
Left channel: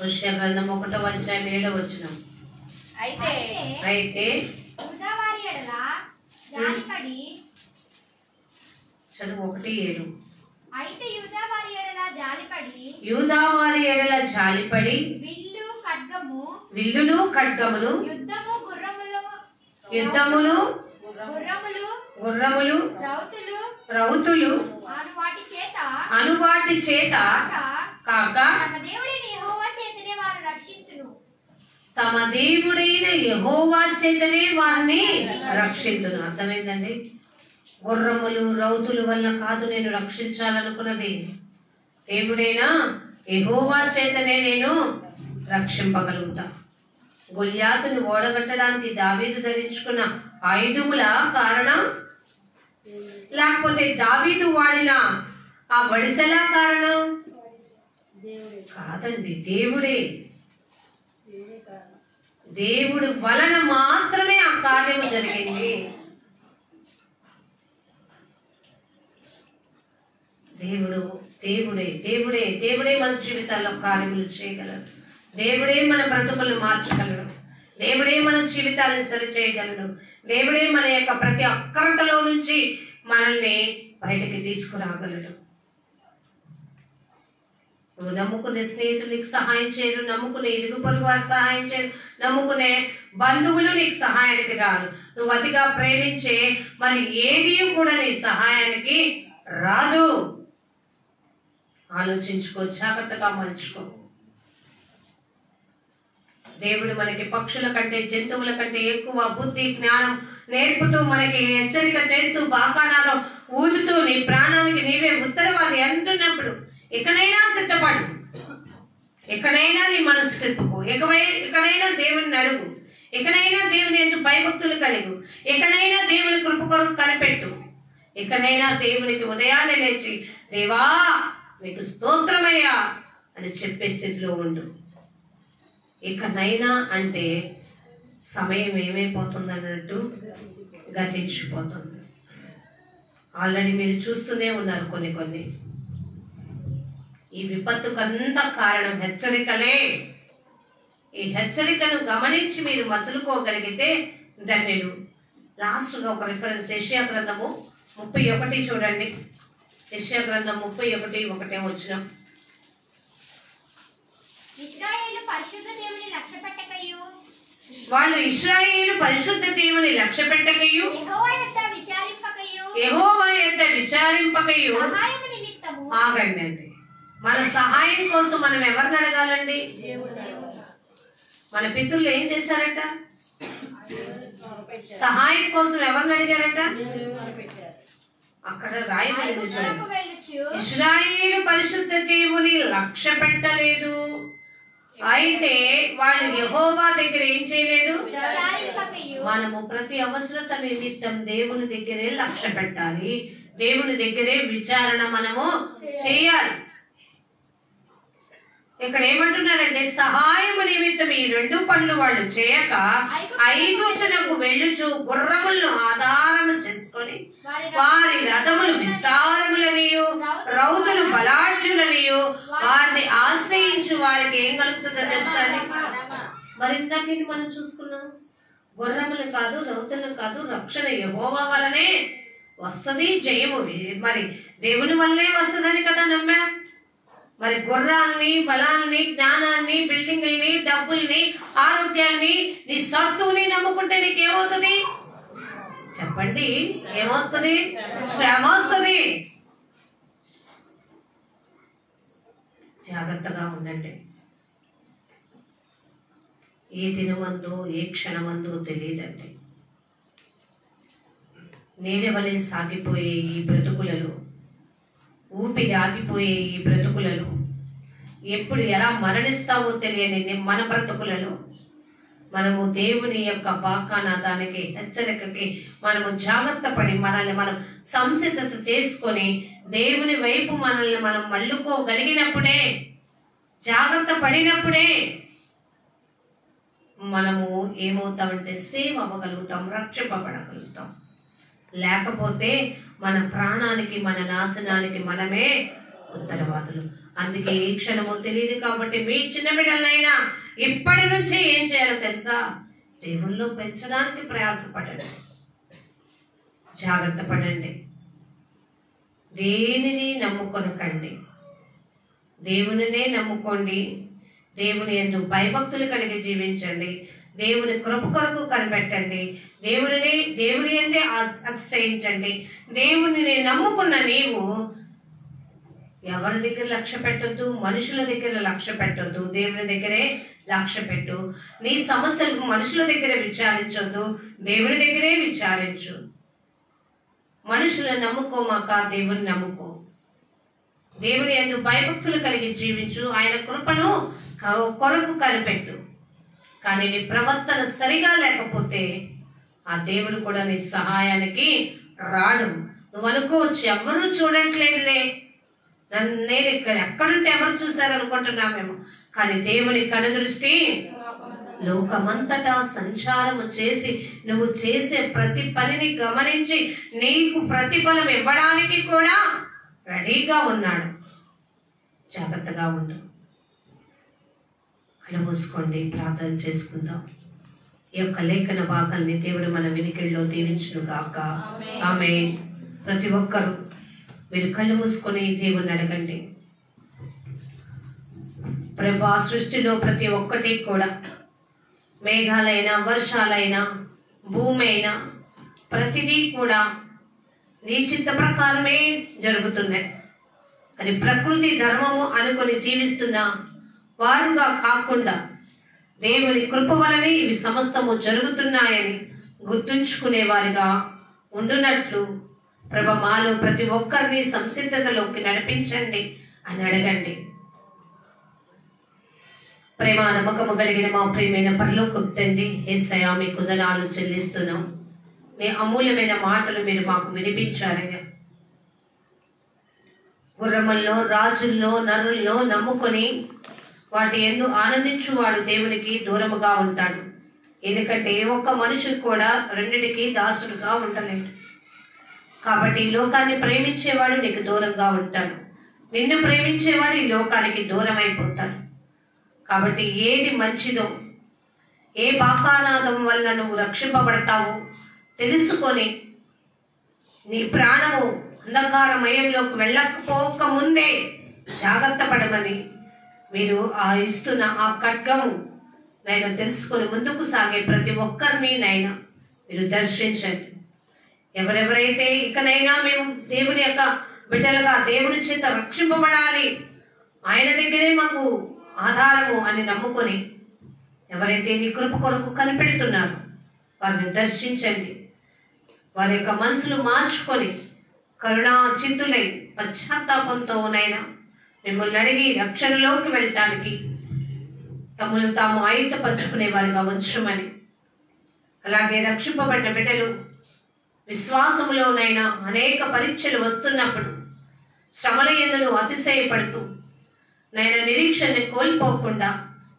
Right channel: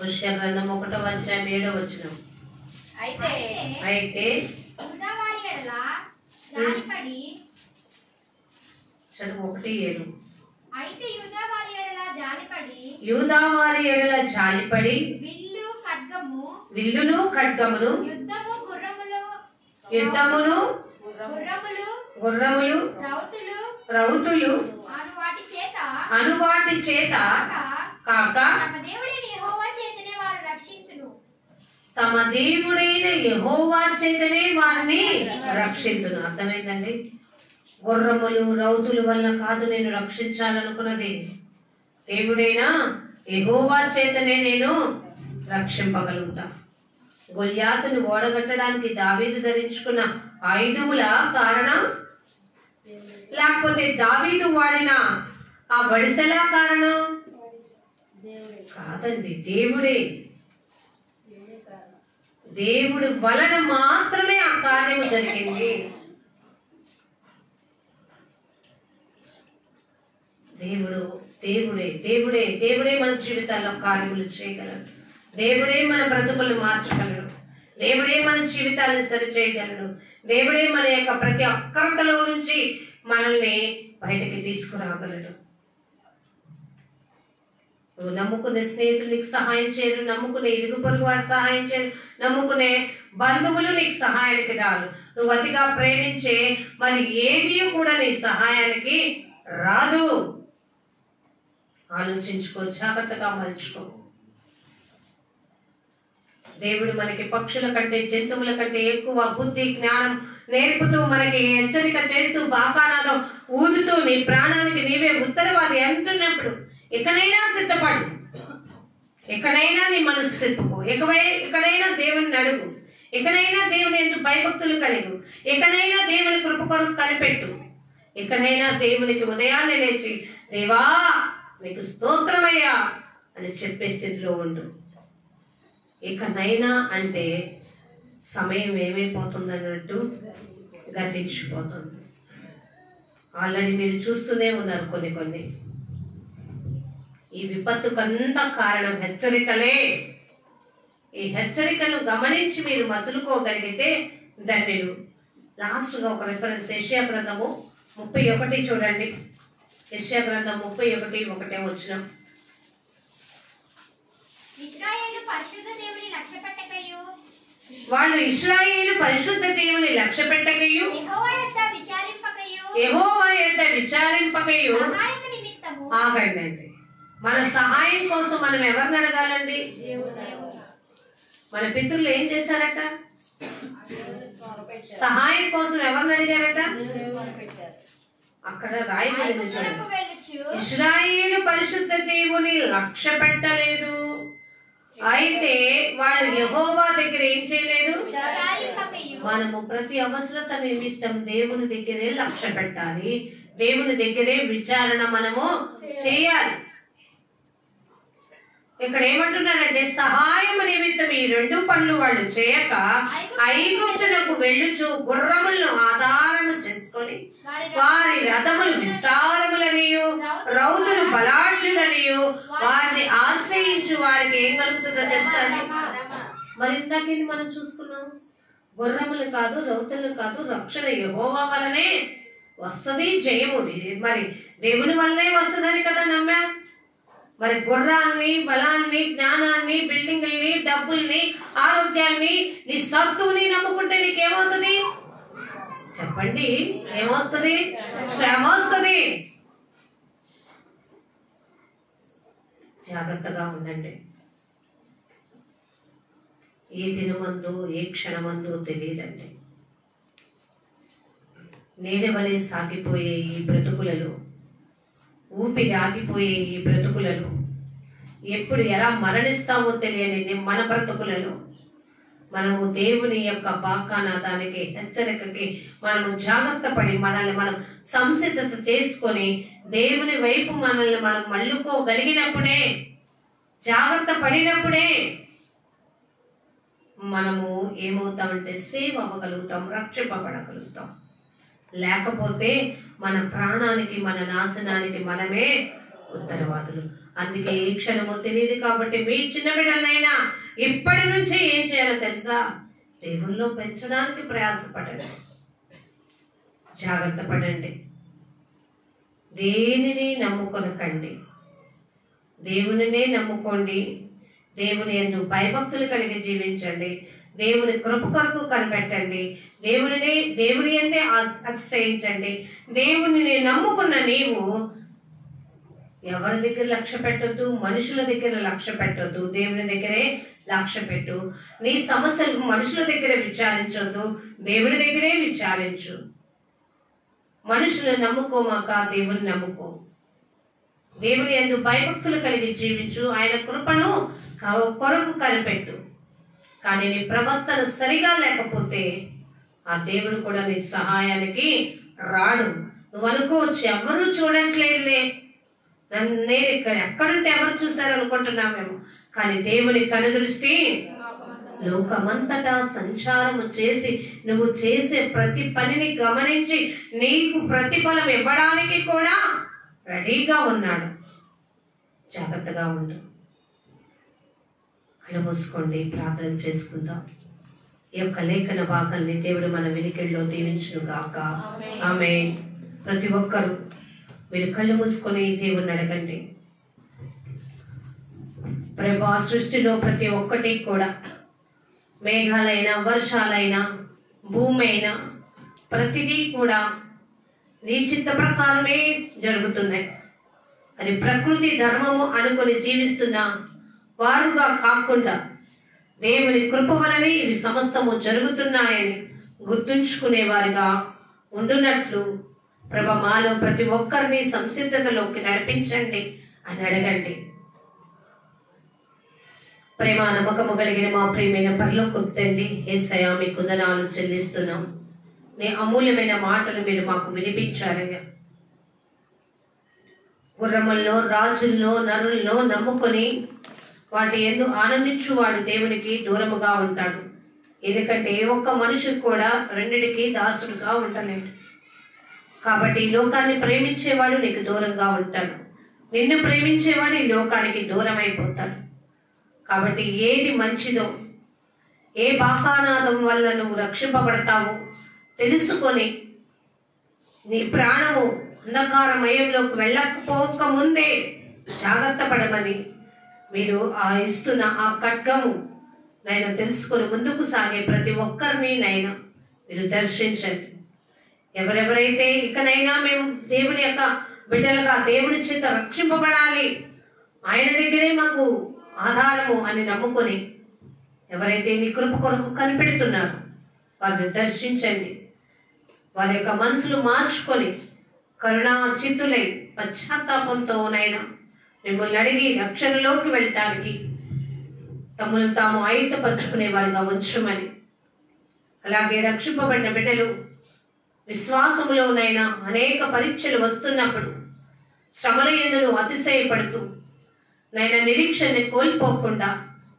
హోషేయ గ్రంథం 1వ అధ్యాయం 7వ వచనం. అయితే చదువు 1:7. అయితే యూదా వారి ఎడల జాలిపడి విల్లును ఖడ్గమును యుద్ధమును గుర్రములు రౌతులు అను వాటి చేత కాక తమ దేవుడైన యెహోవా చేతనే వారిని రక్షించును. అర్థమైందండి? గుర్రములు రౌతుల వల్ల కాదు నేను రక్షించాలనుకున్నది, దేవుడైన యెహోవా చేతనే నేను రక్షింపగలుగుతా. గొల్యాతుని ఓడగట్టడానికి దావీదు ధరించుకున్న ఆయుధముల కారణం, లేకపోతే దావీదు వాడిన ఆ వడిసెల కారణం కాదండి, దేవుడే. దేవుడి వలన మాత్రమే ఆ కార్యము జరిగింది. దేవుడే మన జీవితాల్లో కార్యములు చేయగలడు. దేవుడే మన బ్రతుకులను మార్చగలడు. దేవుడే మన జీవితాలను సరి చేయగలడు. దేవుడే మన యొక్క ప్రతి అక్రతలో నుంచి మనల్ని బయటకి తీసుకురాగలడు. నువ్వు నమ్ముకునే స్నేహితులు నీకు సహాయం చేయరు, నమ్ముకునే ఇరుగు పొరుగు వారు సహాయం చేయరు, నమ్ముకునే బంధువులు నీకు సహాయానికి రారు. నువ్వు అతిగా ప్రేమించే మరి ఏది కూడా నీ సహాయానికి రాదు. ఆలోచించుకో, జాగ్రత్తగా మలుచుకో. దేవుడు మనకి పక్షుల కంటే జంతువుల కంటే ఎక్కువ బుద్ధి జ్ఞానం నేర్పుతూ మనకి హెచ్చరిక చేస్తూ బాకానాలో ఊదుతూ నీ ప్రాణానికి నీవే ఉత్తరవాది అంటున్నప్పుడు ఎక్కడైనా సిద్ధపడు, ఎక్కడైనా నీ మనసు తిప్పుకో, ఎక్కడైనా దేవుని అడుగు, ఎక్కడైనా దేవుని ఎందుకు భయభక్తులు కలిగు, ఎక్కడైనా దేవుని కృప కొరకు కనిపెట్టు, ఎక్కడైనా దేవునికి ఉదయాన్నే లేచి దేవా నీకు స్తోత్రమయ్యా అని చెప్పే స్థితిలో ఉండు. ఇకనైనా అంటే సమయం ఏమైపోతుంది అన్నట్టు గతించిపోతుంది. ఆల్రెడీ మీరు చూస్తూనే ఉన్నారు కొన్ని ఈ విపత్తుకంతా కారణం హెచ్చరికలే. ఈ హెచ్చరికను గమనించి మీరు మసులుకోగలిగితే ధన్యులు. లాస్ట్గా ఒక రిఫరెన్స్, యెషయా గ్రంథము 31 చూడండి. యెషయా గ్రంథం 31:1 వచనం. వాళ్ళు ఇశ్రాయేలు పరిశుద్ధ దేవుని లక్ష్య పెట్టకయు యెహోవా యొద్ద విచారింపకయు. ఆగండి అండి, మన సహాయం కోసం మనం ఎవరిని అడగాలండి? మన పితరులు ఏం చేశారట? సహాయం కోసం ఎవరిని అడిగారట? అక్కడ రాయబడింది చూడండి, ఇశ్రాయేలు పరిశుద్ధ దేవుని లక్ష్య పెట్టలేదు. అయితే వాళ్ళు యెహోవా దగ్గర ఏం చేయలేదు? మనము ప్రతి అవసరత నిమిత్తం దేవుని దగ్గరే లక్ష్య పెట్టాలి, దేవుని దగ్గరే విచారణ మనము చేయాలి. ఇక్కడ ఏమంటున్నాడంటే సహాయం నిమిత్తం ఈ 2 పనులు వాళ్ళు చేయక ఐగుప్తునకు వెళ్ళుచు గుర్రములను ఆధారము చేసుకొని వారి రథములు విస్తారములనియు రౌతులు బలాఢ్యులనియు వారిని ఆశ్రయించు వారికి ఏం కలుగుతుందో తెలుసా? మరి ఇందాకేంటి మనం చూసుకున్నాం, గుర్రములు కాదు రౌతులు కాదు, రక్షణ యెహోవా వలనే వస్తుంది, జయము మరి దేవుని వల్లే వస్తుందని కదా నమ్మాం. మరి గుర్రాల్ని, బలాల్ని, జ్ఞానాన్ని, బిల్డింగుల్ని, డబ్బుల్ని, ఆరోగ్యాన్ని, నీ సత్తుని నమ్ముకుంటే నీకేమవుతుంది చెప్పండి? ఏమొస్తుంది? శ్రమ వస్తుంది. జాగ్రత్తగా ఉండండి. ఏ దినమందు ఏ క్షణమందు తెలియదండి. నీడ వలె సాగిపోయే ఈ బ్రతుకులలో, ఊపిరి ఆగిపోయే ఈ బ్రతుకులలో, ఎప్పుడు ఎలా మరణిస్తామో తెలియని మన బ్రతుకులలో మనము దేవుని యొక్క వాగ్దానానికి, హెచ్చరికకి మనము జాగ్రత్త పడి మనల్ని మనం సంసిద్ధత చేసుకొని దేవుని వైపు మనల్ని మనం మళ్ళుకోగలిగినప్పుడే, జాగ్రత్త పడినప్పుడే మనము ఏమవుతామంటే సేవ్ అవ్వగలుగుతాం, రక్షింపబడగలుగుతాం. లేకపోతే మన ప్రాణానికి, మన నాశనానికి మనమే ఉత్తరవాదులు. అందుకే ఈ క్షణము తెలియదు కాబట్టి మీ చిన్న బిడ్డలైనా ఇప్పటి నుంచే ఏం చేయాలో తెలుసా? దేవుల్లో పెంచడానికి ప్రయాసపడండి, జాగ్రత్త పడండి. దేనిని నమ్ముకొనకండి, దేవునినే నమ్ముకోండి. దేవుని యందు భయభక్తులు కలిగి జీవించండి. దేవుని కృప కొరకు కనిపెట్టండి. దేవుని యందే ఆశ్రయించండి. దేవుని నమ్ముకున్న నీవు ఎవరి దగ్గర లక్ష్య పెట్టొద్దు, మనుషుల దగ్గర లక్ష్య పెట్టొద్దు, దేవుని దగ్గరే లక్ష్య పెట్టు. నీ సమస్యలు మనుషుల దగ్గర విచారించొద్దు, దేవుని దగ్గరే విచారించు. మనుషులను నమ్ముకోమాక దేవుని నమ్ముకో. దేవుని యందు భయభక్తులు కలిగి జీవించు. ఆయన కృపను కొరకు కనిపెట్టు. కానీ నీ ప్రవర్తన సరిగా లేకపోతే ఆ దేవుడు కూడా నీ సహాయానికి రాడు. నువ్వు అనుకోవచ్చు, ఎవరు చూడట్లేదులే, నేను ఇక్కడ ఎక్కడుంటే ఎవరు చూశారు అనుకుంటున్నామేమో. కానీ దేవుని కనుదృష్టి లోకమంతటా సంచారము చేసి నువ్వు చేసే ప్రతి పనిని గమనించి నీకు ప్రతిఫలం ఇవ్వడానికి కూడా రెడీగా ఉన్నాడు. జాగ్రత్తగా ఉండు. కళ్ళు మూసుకోండి, ప్రార్థన చేసుకుందాం. ఈ యొక్క లేఖన భాగాన్ని దేవుడు మన వినికిడిలో దీవించును గాక. ఆమేన్. ప్రతి ఒక్కరూ మీరు కళ్ళు మూసుకొని దేవుణ్ణి అడగండి. ప్రభా, సృష్టిలో ప్రతి ఒక్కటి కూడా, మేఘాలైనా, వర్షాలైనా, భూమి అయినా, ప్రతిదీ కూడా నీ చిత్త ప్రకారమే జరుగుతున్నాయి. అది ప్రకృతి ధర్మము అనుకొని జీవిస్తున్న వారుగా కాకుండా దేవుని కృప వలనే ఇవి సమస్తము జరుగుతున్నాయని గుర్తుంచుకునే వారిగా ఉండునట్లు ప్రభ మాలో ప్రతి ఒక్కరిని సంసిద్ధతలోకి నడిపించండి అని అడగండి. ప్రేమ నమ్మకము కలిగిన మా ప్రియమైన పరలోకపు తండ్రి, యేసయ్యా మీకు వందనాలు చెల్లిస్తున్నాం. మీ అమూల్యమైన మాటలు మీరు మాకు వినిపించారయ్యా. గుర్రముల్లో, రాజుల్లో, నరుల్లో నమ్ముకొని వాటి యందు ఆనందించువాడు దేవునికి దూరముగా ఉంటాడు. ఎందుకంటే ఏ ఒక్క మనుషుడు కూడా రెండిటికి దాసుడుగా ఉండలేడు. కాబట్టి ఈ లోకాన్ని ప్రేమించేవాడు నీకు దూరంగా ఉంటాడు, నిన్ను ప్రేమించేవాడు ఈ లోకానికి దూరం అయిపోతాడు. కాబట్టి ఏది మంచిదో, ఏ వాగ్దానం వల్ల నువ్వు రక్షింపబడతావో తెలుసుకొని నీ ప్రాణము అంధకారమయంలోకి వెళ్ళకపోక ముందే జాగ్రత్త పడమని మీరు ఆ ఇస్తున్న ఆ ఖడ్గము నైనా తెలుసుకొని ముందుకు సాగే ప్రతి ఒక్కరిని నైనా మీరు దర్శించండి. ఎవరెవరైతే ఇకనైనా మేము దేవుని యొక్క బిడ్డలుగా దేవుని చేత రక్షింపబడాలి, ఆయన దగ్గరే మాకు ఆధారము అని నమ్ముకొని ఎవరైతే నీ కృప కొరకు కనిపెడుతున్నారో వారిని దర్శించండి. వారి యొక్క మనసులు మార్చుకొని కరుణా చిత్తులై పశ్చాత్తాపంతోనైనా మిమ్మల్ని అడిగి రక్షణలోకి వెళ్ళటానికి తమను తాము ఆయుధపరుచుకునే వారిగా ఉంచమని, అలాగే రక్షింపబడిన బిడ్డలు విశ్వాసములోనైనా అనేక పరీక్షలు వస్తున్నప్పుడు శ్రమల యందును అతిశయపడుతూ నైనా నిరీక్షణని కోల్పోకుండా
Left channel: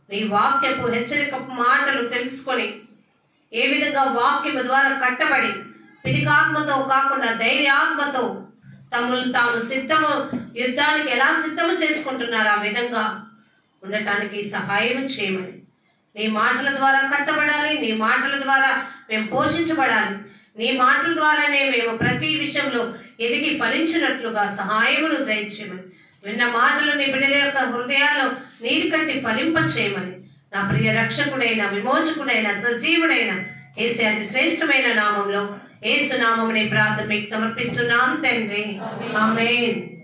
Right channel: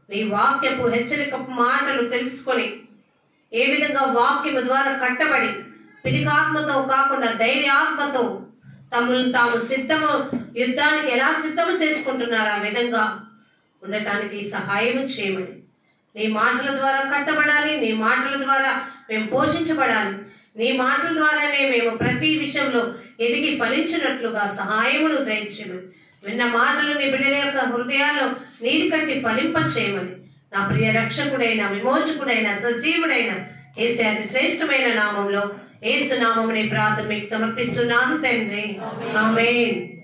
నీ వాక్యపు హెచ్చరిక మాటలు తెలుసుకొని ఏ విధంగా వాక్యము ద్వారా కట్టబడి పిడికాత్మతో కాకుండా ధైర్యాత్మతో తమను తాము సిద్ధము యుద్ధానికి ఎలా సిద్ధము చేసుకుంటున్నారు ఆ విధంగా ఉండటానికి సహాయం చేయమని, నీ మాటల ద్వారా కట్టబడాలి, నీ మాటల ద్వారా మేము పోషించబడాలి, నీ మాటల ద్వారానే మేము ప్రతి విషయంలో ఎదిగి ఫలించినట్లుగా సహాయమును దయచేయమని, విన్న మాటలు నీ బిడ్డల యొక్క హృదయాల్లో నీరు కట్టి ఫలింప చేయమని నా ప్రియ రక్షకుడైన విమోచకుడైన సజీవుడైన యేసు అతి శ్రేష్టమైన నామంలో యేసు నామమునే ప్రార్థన మీకు సమర్పిస్తున్నాను తండ్రి. ఆమేన్.